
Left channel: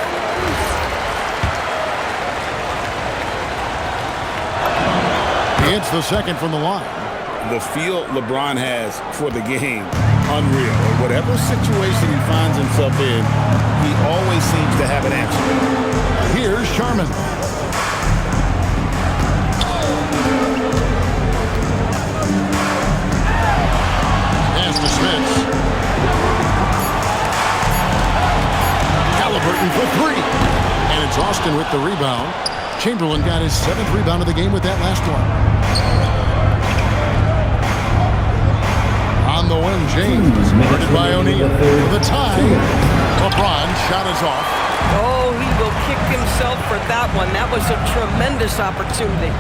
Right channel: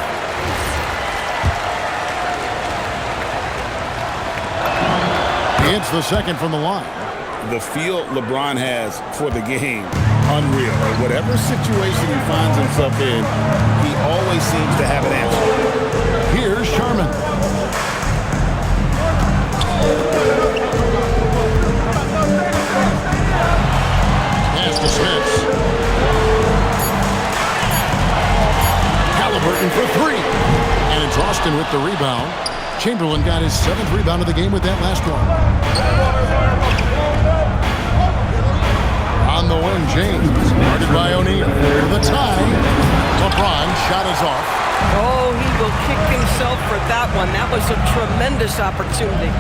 He hits the second from the line. The feel LeBron has for the game, unreal. And whatever situation he finds himself in, he always seems to have an answer. Here's Sharman. Pass to Smith. Halliburton for 3. And it's Austin with the rebound. Chamberlain got his 7th rebound of the game with that last one. On the wing, James, guarded by O'Neal. For the tie, LeBron shot is off. Oh, he will kick himself for that one. That was a tremendous opportunity.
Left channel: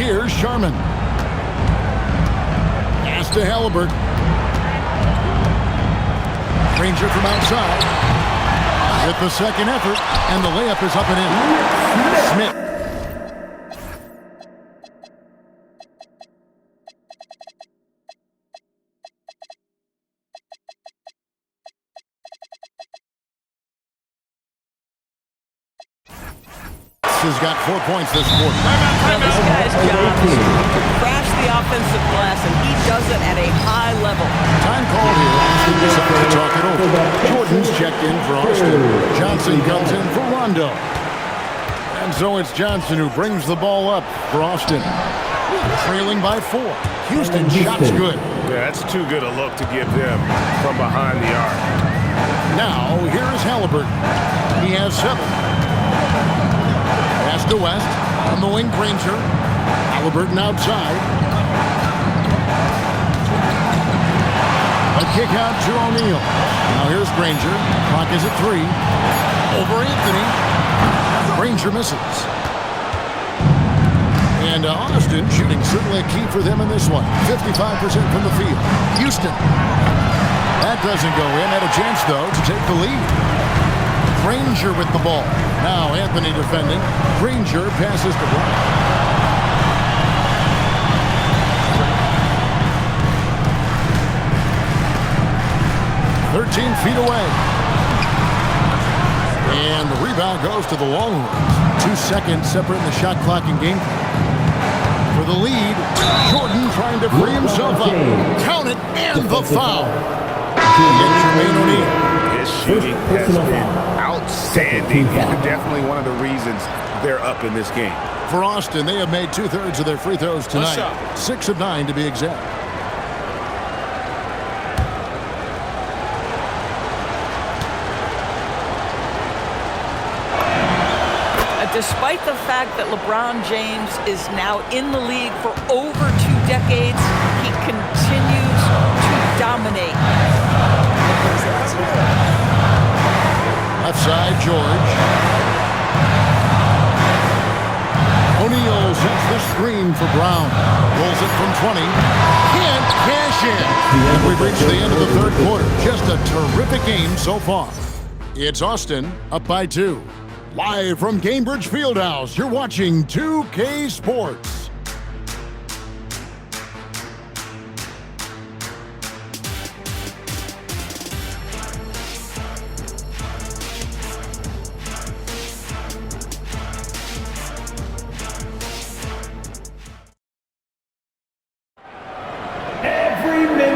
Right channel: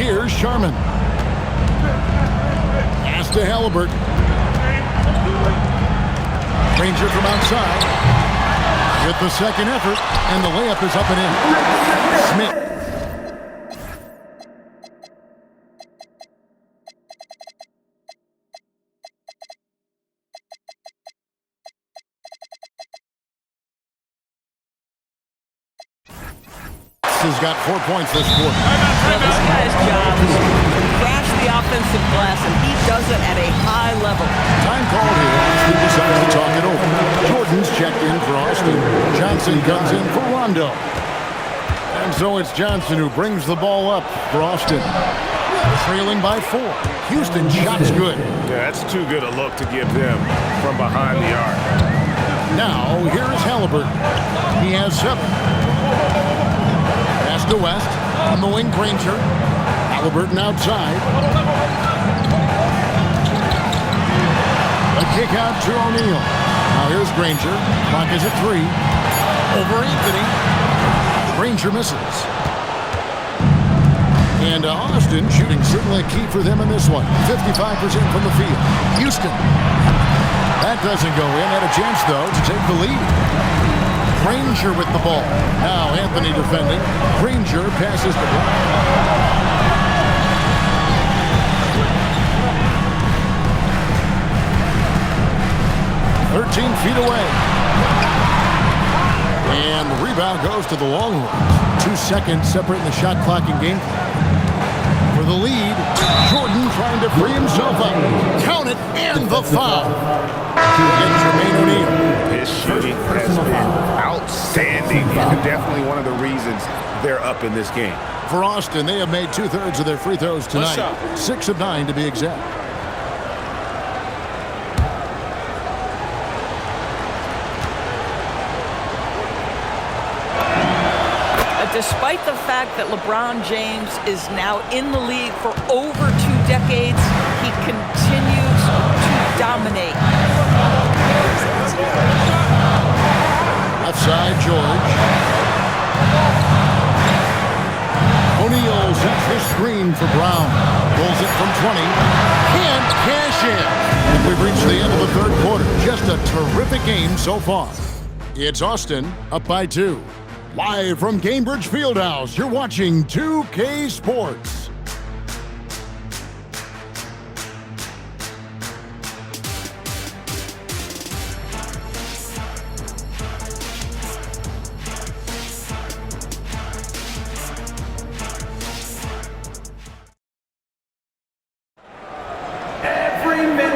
Here's Sharman. Pass to Halliburton. Granger from outside. With the second effort, and the layup is up and in. Smith. has got 4 points this quarter. Well, this guy's job is to crash the offensive glass, and he does it at a high level. Time called here. Austin decides to talk it over. Jordan's checked in for Austin. Johnson comes in for Rondo. And so it's Johnson who brings the ball up for Austin. Trailing by 4. Houston shot's good. Yeah, that's too good a look to give them from behind the arc. Now, here is Halliburton. He has 7. Pass to West. On the wing, Granger. Halliburton outside. A kick out to O'Neal. Now here's Granger. Clock is at 3. Over Anthony. Granger misses. And Austin shooting certainly a key for them in this one. 55% from the field. Houston. That doesn't go in. Had a chance, though, to take the lead. Granger with the ball. Now Anthony defending. Granger passes to Brown. "13 feet away. And the rebound goes to the Longhorns. 2 seconds separating the shot clock and game clock. For the lead, Jordan trying to free himself up. Count it, and the foul. And Jermaine O'Neal. His shooting has been outstanding. Definitely one of the reasons they're up in this game. For Austin, they have made 2/3 of their free throws tonight. 6 of 9 to be exact. Despite the fact that LeBron James is now in the league for over 2 decades, he continues to dominate. Left side, George. O'Neal sets the screen for Brown. Pulls it from 20. Can't cash in. And we've reached the end of the 3rd quarter. Just a terrific game so far. It's Austin up by 2. Live from Cambridge Fieldhouse, you're watching 2K Sports.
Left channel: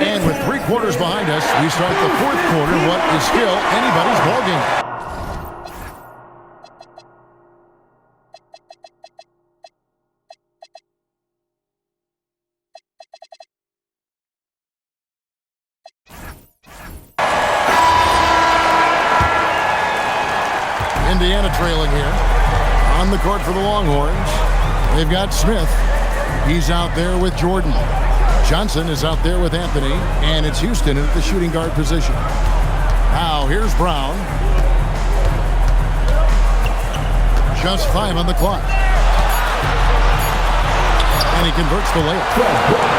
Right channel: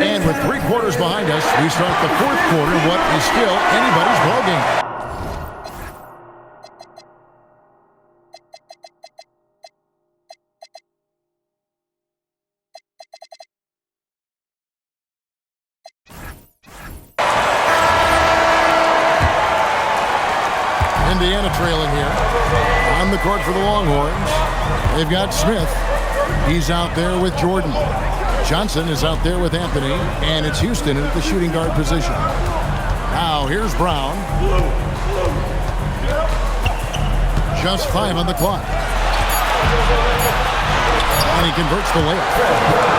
And with 3 quarters behind us, we start the 4th quarter, what is still anybody's ballgame. Indiana trailing here. On the court for the Longhorns. They've got Smith. He's out there with Jordan. Johnson is out there with Anthony. And it's Houston at the shooting guard position. Now here's Brown. Just 5 on the clock. And he converts the layup.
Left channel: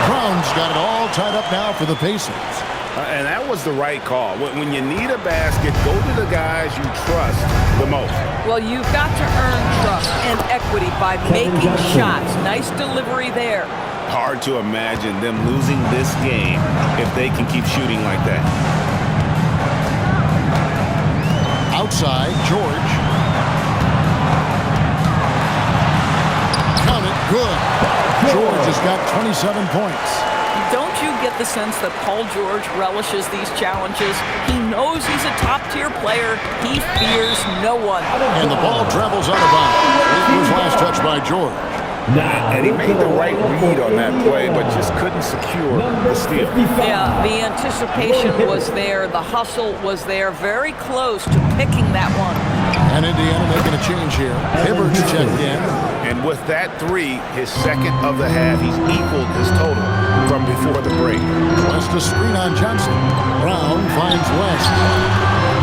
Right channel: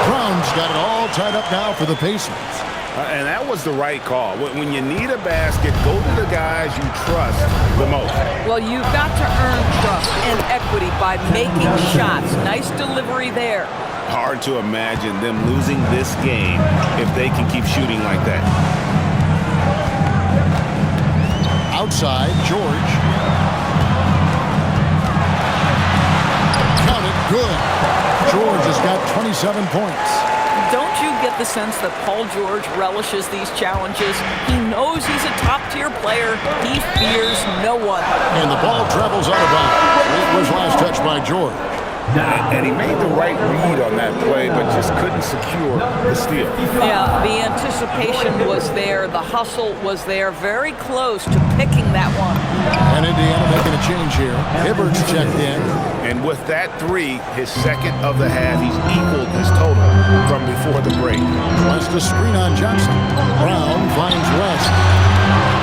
Brown's got it all tied up now for the Pacers. And that was the right call. When you need a basket, go to the guys you trust the most. Well, you've got to earn trust and equity by making shots. Nice delivery there. Hard to imagine them losing this game if they can keep shooting like that. Outside, George. Count it, good. George has got 27 points. Don't you get the sense that Paul George relishes these challenges? He knows he's a top-tier player. He fears no one. And the ball travels out of bounds. It was last touched by George. And he made the right read on that play, but just couldn't secure the steal. Yeah, the anticipation was there. The hustle was there. Very close to picking that one. And Indiana making a change here. Hibbert's checked in. And with that 3, his 2nd of the half, he's equaled his total from before the break. West a screen on Johnson. Brown finds West.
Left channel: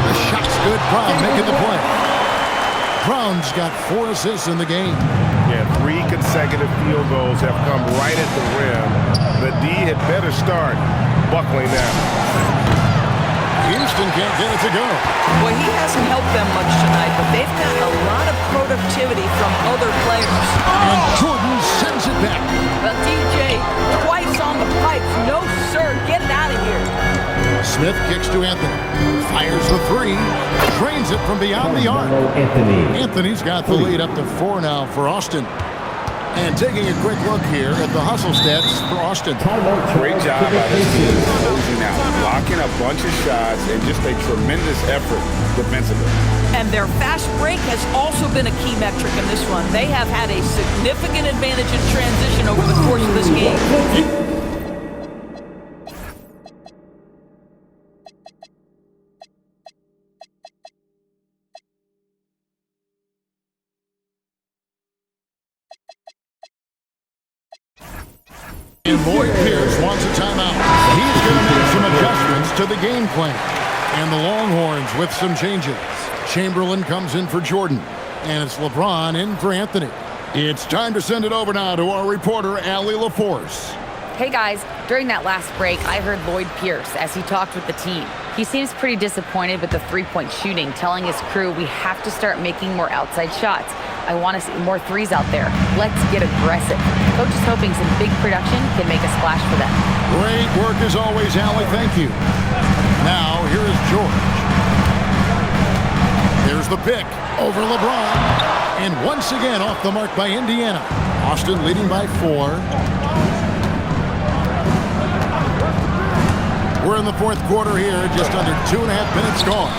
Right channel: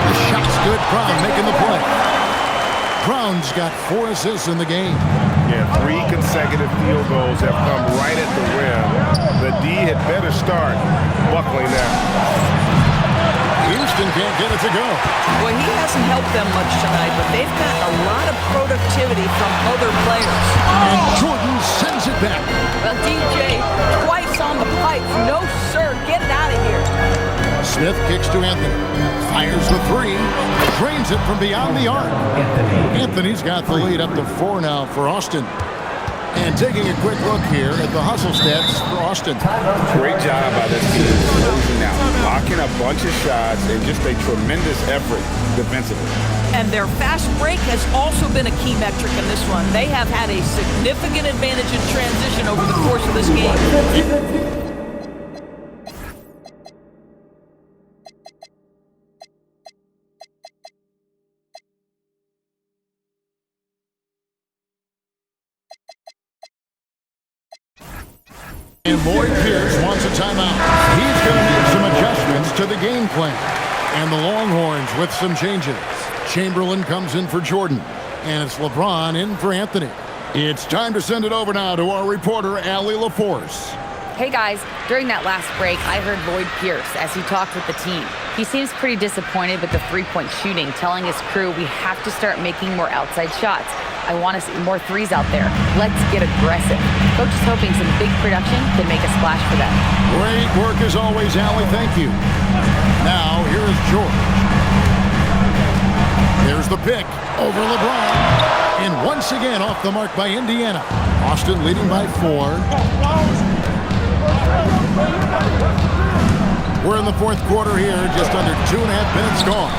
The shot's good. Brown making the play. Brown's got 4 assists in the game. Yeah, 3 consecutive field goals have come right at the rim. The D had better start buckling now. Houston can't get it to go. Well, he hasn't helped them much tonight, but they've got a lot of productivity from other players. And Jordan sends it back. Well, DJ, twice on the pipes. No, sir. Get it out of here. Smith kicks to Anthony. Fires the three. Drains it from beyond the arc. Anthony's got the lead up to 4 now for Austin. And taking a quick look here at the hustle stats for Austin. Great job by this team closing out, blocking a bunch of shots, and just a tremendous effort defensively. And their fast break has also been a key metric in this one. They have had a significant advantage in transition over the course of this game. And Lloyd Pierce wants a timeout. He's going to make some adjustments to the game plan. And the Longhorns with some changes. Chamberlain comes in for Jordan. And it's LeBron in for Anthony. It's time to send it over now to our reporter, Allie LaForce. Hey guys, during that last break, I heard Lloyd Pierce as he talked with the team. He seems pretty disappointed with the three-point shooting, telling his crew we have to start making more outside shots. I want to see more threes out there. Let's get aggressive. Coach is hoping some big production can make a splash for them. Great work as always, Allie. Thank you. Now, here is George. There's the pick over LeBron. And once again off the mark by Indiana. Austin leading by 4. We're in the fourth quarter here, just under 2.5 minutes gone.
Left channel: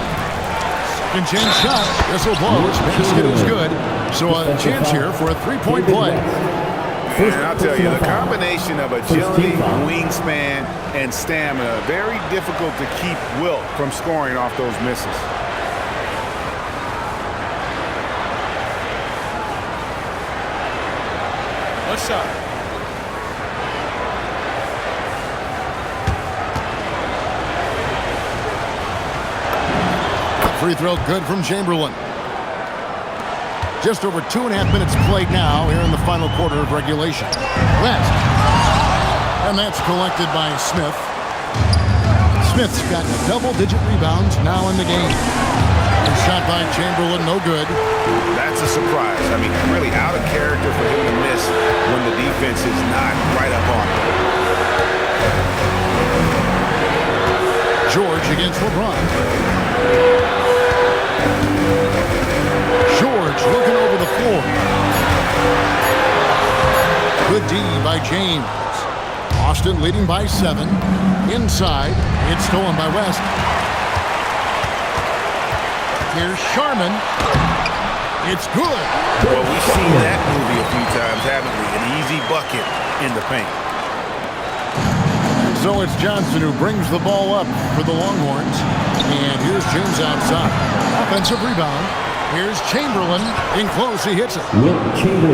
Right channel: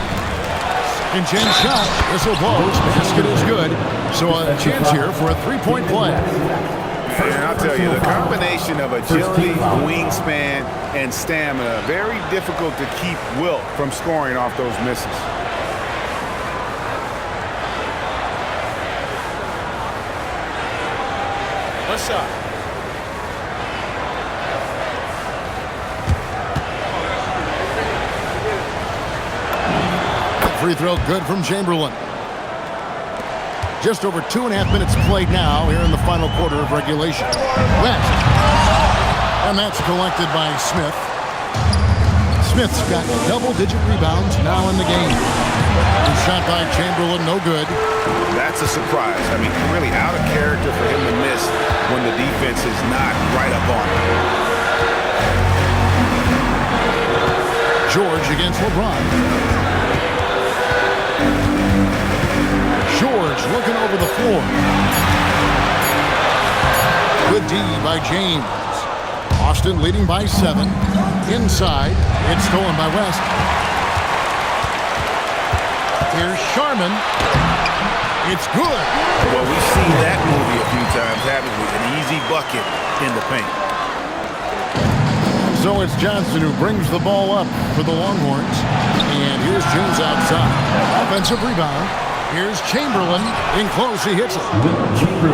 Second chance shot, whistle blows, basket is good. So a chance here for a three-point play. And I'll tell you, the combination of agility, wingspan, and stamina, very difficult to keep Wilt from scoring off those misses. One shot. Free throw good from Chamberlain. Just over 2.5 minutes played now here in the final quarter of regulation. West. And that's collected by Smith. Smith's got double-digit rebounds now in the game. The shot by Chamberlain, no good. That's a surprise. I mean, really out of character for him to miss when the defense is not right up on him. George against LeBron. George looking over the floor. Good D by James. Austin leading by 7. Inside, it's stolen by West. Here's Sharman. It's good. Well, we've seen that movie a few times, haven't we? An easy bucket in the paint. And so it's Johnson who brings the ball up for the Longhorns. And here's James outside. Offensive rebound. Here's Chamberlain. In close, he hits it.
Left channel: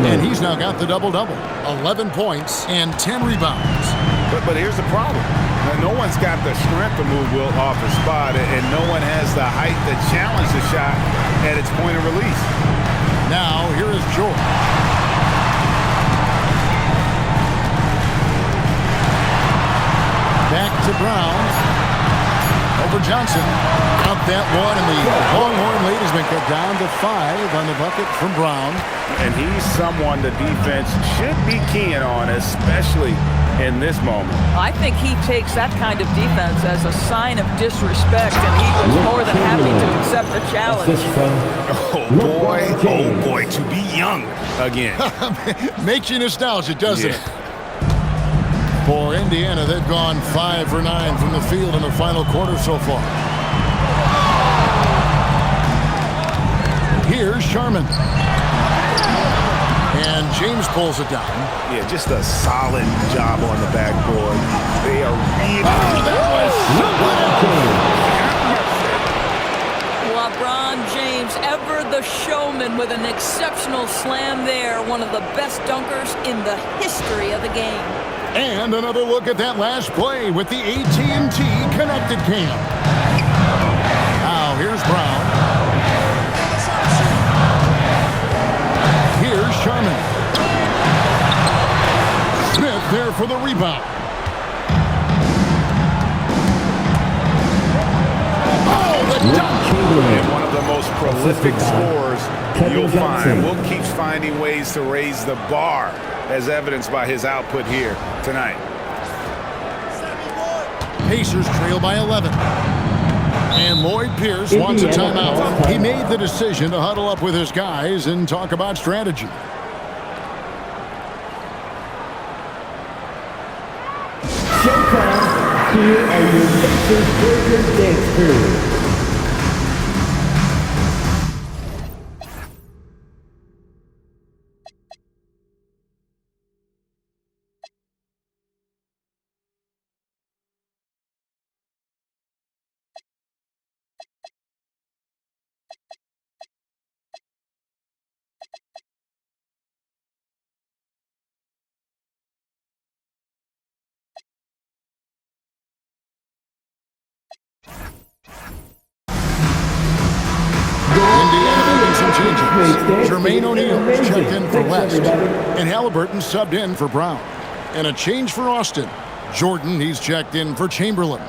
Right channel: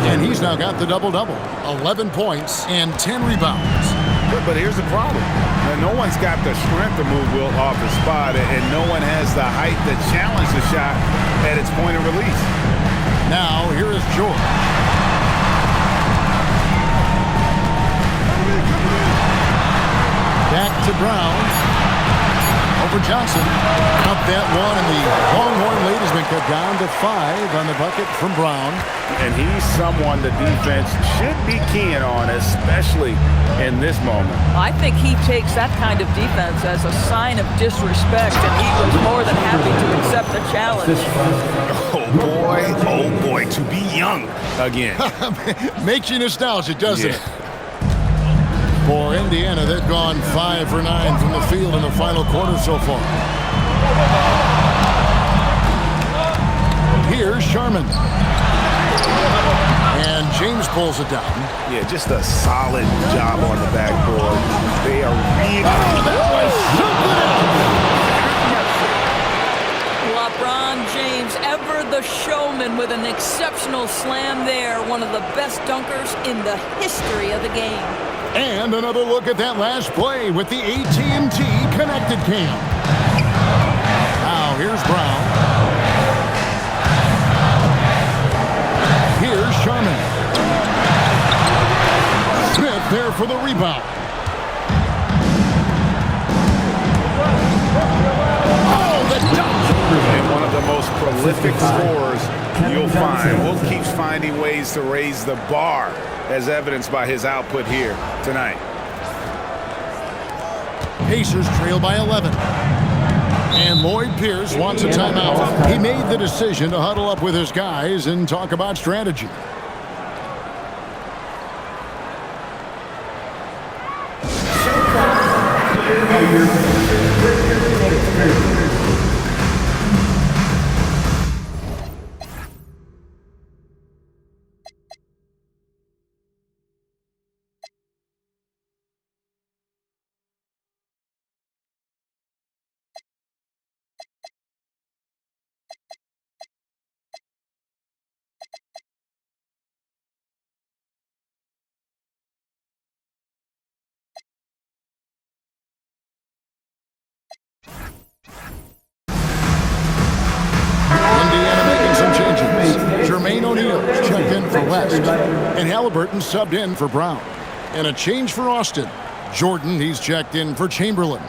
And he's now got the double-double. 11 points and 10 rebounds. But here's the problem. No one's got the strength to move Wilt off his spot, and no one has the height to challenge the shot at its point of release. Now, here is George. Back to Brown. Over Johnson. Count that one, and the Longhorn lead has been cut down to 5 on the bucket from Brown. And he's someone the defense should be keying on, especially in this moment. I think he takes that kind of defense as a sign of disrespect, and he was more than happy to accept the challenge. Oh boy, to be young again. Makes you nostalgic, doesn't it? For Indiana, they've gone 5 for 9 from the field in the final quarter so far. Here's Sharman. And James pulls it down. Yeah, just a solid job on the backboard. They are really... Oh, that was something else! LeBron James, ever the showman, with an exceptional slam there. One of the best dunkers in the history of the game. And another look at that last play with the AT&T Connected Cam. Now here's Brown. Here's Sharman. Smith there for the rebound. Oh, the dunk! And one of the most prolific scorers you'll find. Wilt keeps finding ways to raise the bar, as evidenced by his output here tonight. Pacers trail by 11. And Lloyd Pierce wants a timeout. He made the decision to huddle up with his guys and talk about strategy. Here are your dance crew. Jermaine O'Neal's checked in for West, and Halliburton subbed in for Brown. And a change for Austin. Jordan, he's checked in for Chamberlain.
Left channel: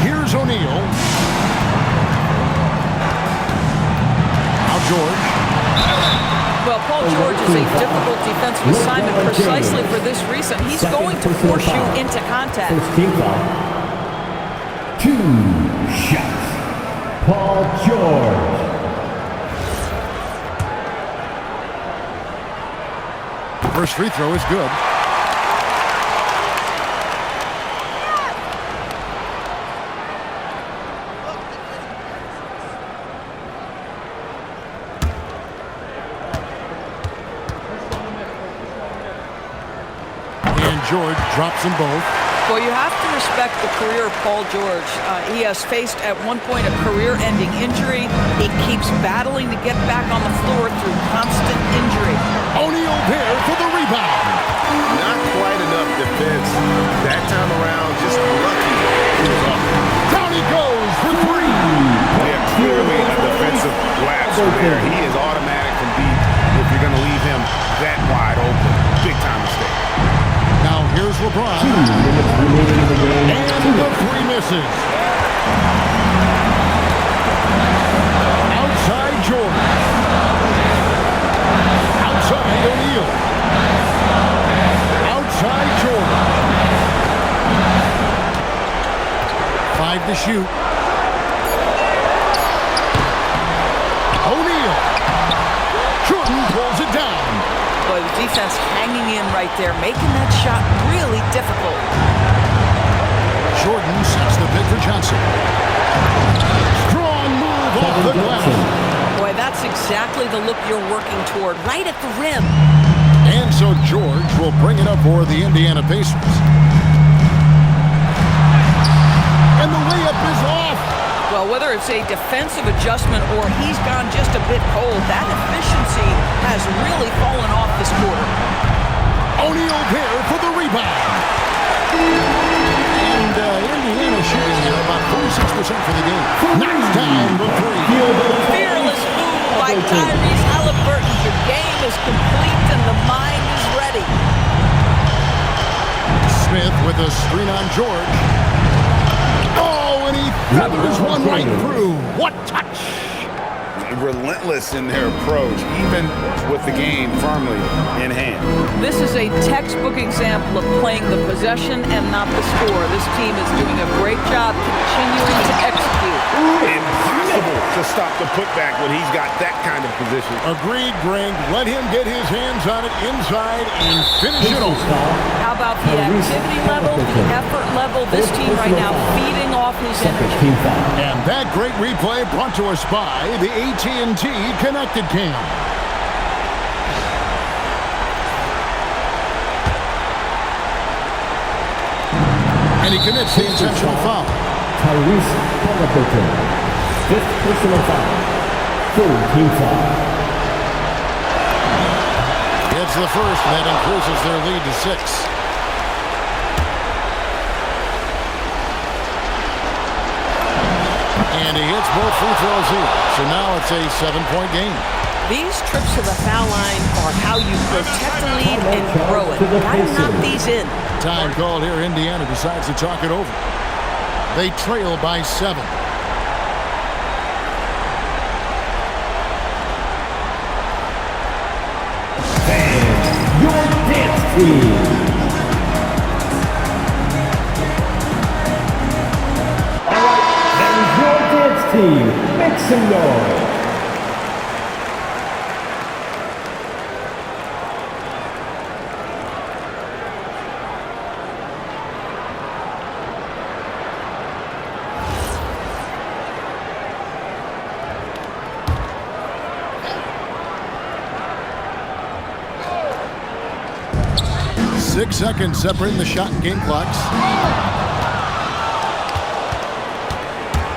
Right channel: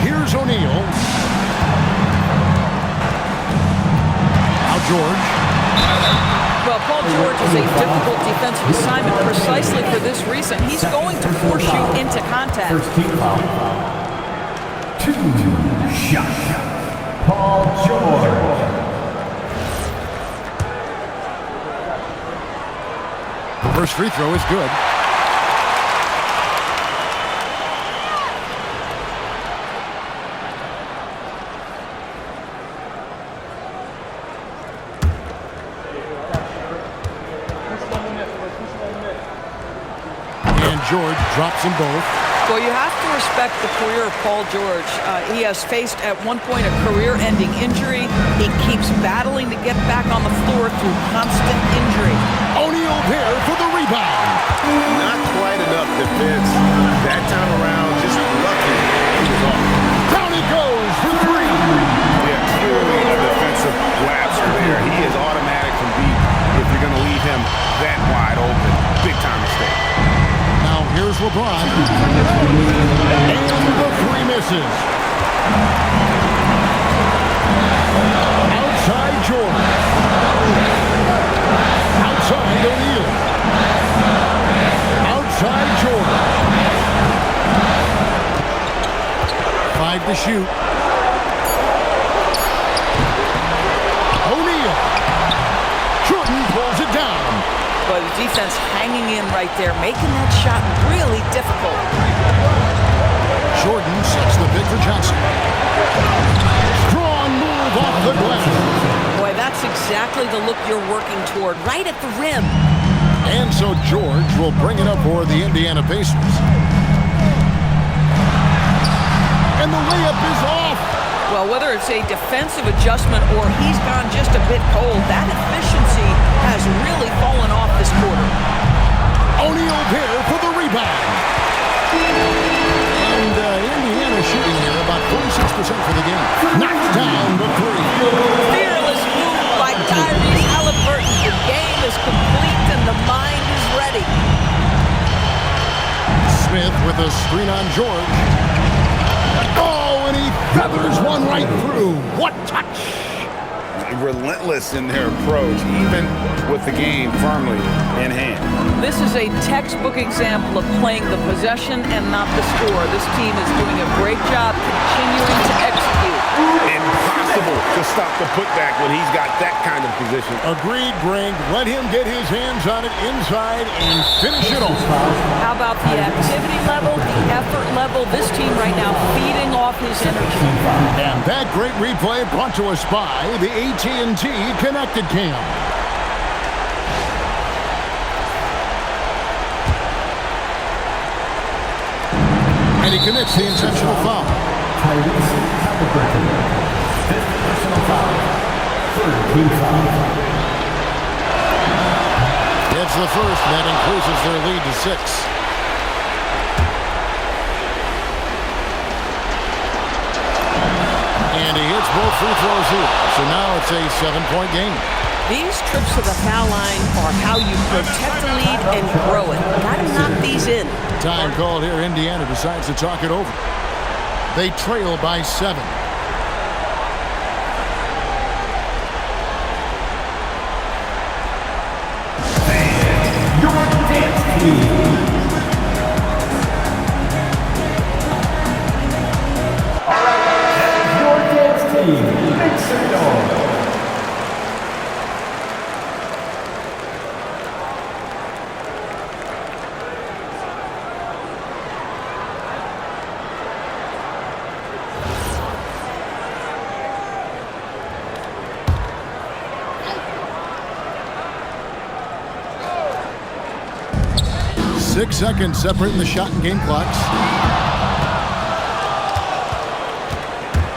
Here's O'Neal. Now George. Well, Paul George is a difficult defensive assignment precisely for this reason. He's going to force you into contact. First team foul. 2 shots. Paul George. First free throw is good. George drops them both. Well, you have to respect the career of Paul George. He has faced at one point a career-ending injury. He keeps battling to get back on the floor through constant injury. O'Neal there for the rebound. Not quite enough defense that time around. Just lucky he was off. Down he goes for 3. Yeah, clearly a defensive lapse there. He is automatic from deep if you're going to leave him that wide open. Big time mistake. Now here's LeBron. And the 3 misses. Outside George. Outside O'Neal. Outside George. 5 to shoot. O'Neal. Jordan pulls it down. But the defense hanging in right there, making that shot really difficult. Jordan sets the pick for Johnson. Strong move off the glass. Boy, that's exactly the look you're working toward, right at the rim. And so George will bring it up for the Indiana Pacers. And the layup is off. Well, whether it's a defensive adjustment or he's gone just a bit cold, that efficiency has really fallen off this quarter. O'Neal there for the rebound. And Indiana shooting here about 46% for the game. Knocks down the 3. Fearless move by Tyrese Halliburton. The game is complete and the mind is ready. Smith with a screen on George. Oh, and he feathers one right through. What touch! Relentless in their approach, even with the game firmly in hand. This is a textbook example of playing the possession and not the score. This team is doing a great job continuing to execute. Impossible to stop the putback when he's got that kind of position. Agreed, Greg. Let him get his hands on it inside and finish it off. How about the activity level, the effort level? This team right now feeding off his energy. And that great replay brought to us by the AT&T Connected Cam. And he commits the intentional foul. Tyrese Halliburton. 5th personal foul. 3rd team foul. It's the first, and that increases their lead to 6. And he hits both free throws here. So now it's a 7-point game. These trips to the foul line are how you protect the lead and grow it. Got to knock these in. Time called here. Indiana decides to talk it over. They trail by 7. team. That is your dance team. Make some noise. Six seconds separating the shot and game clocks.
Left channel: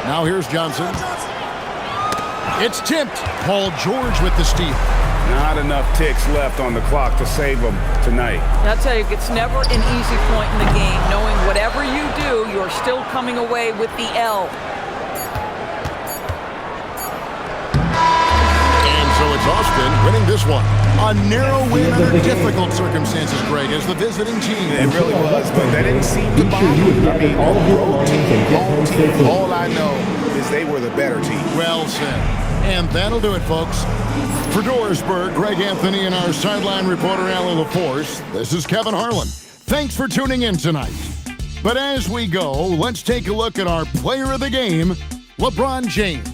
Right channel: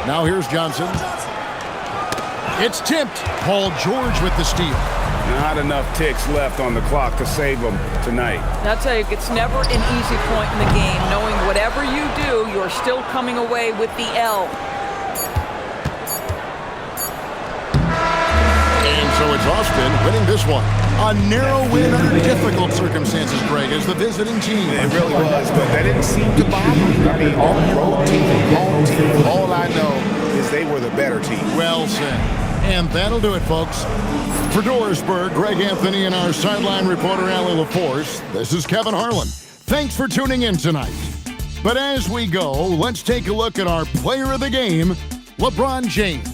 Now here's Johnson. It's tipped. Paul George with the steal. Not enough ticks left on the clock to save them tonight. I'll tell you, it's never an easy point in the game, knowing whatever you do, you're still coming away with the L. And so it's Austin winning this one. A narrow win under difficult circumstances, Greg, as the visiting team. It really was, but that didn't seem to bother them. I mean, road team, home team, all I know is they were the better team. Well said. And that'll do it, folks. For Doorsburg, Greg Anthony, and our sideline reporter, Allie LaForce, this is Kevin Harlan. Thanks for tuning in tonight. But as we go, let's take a look at our player of the game, LeBron James.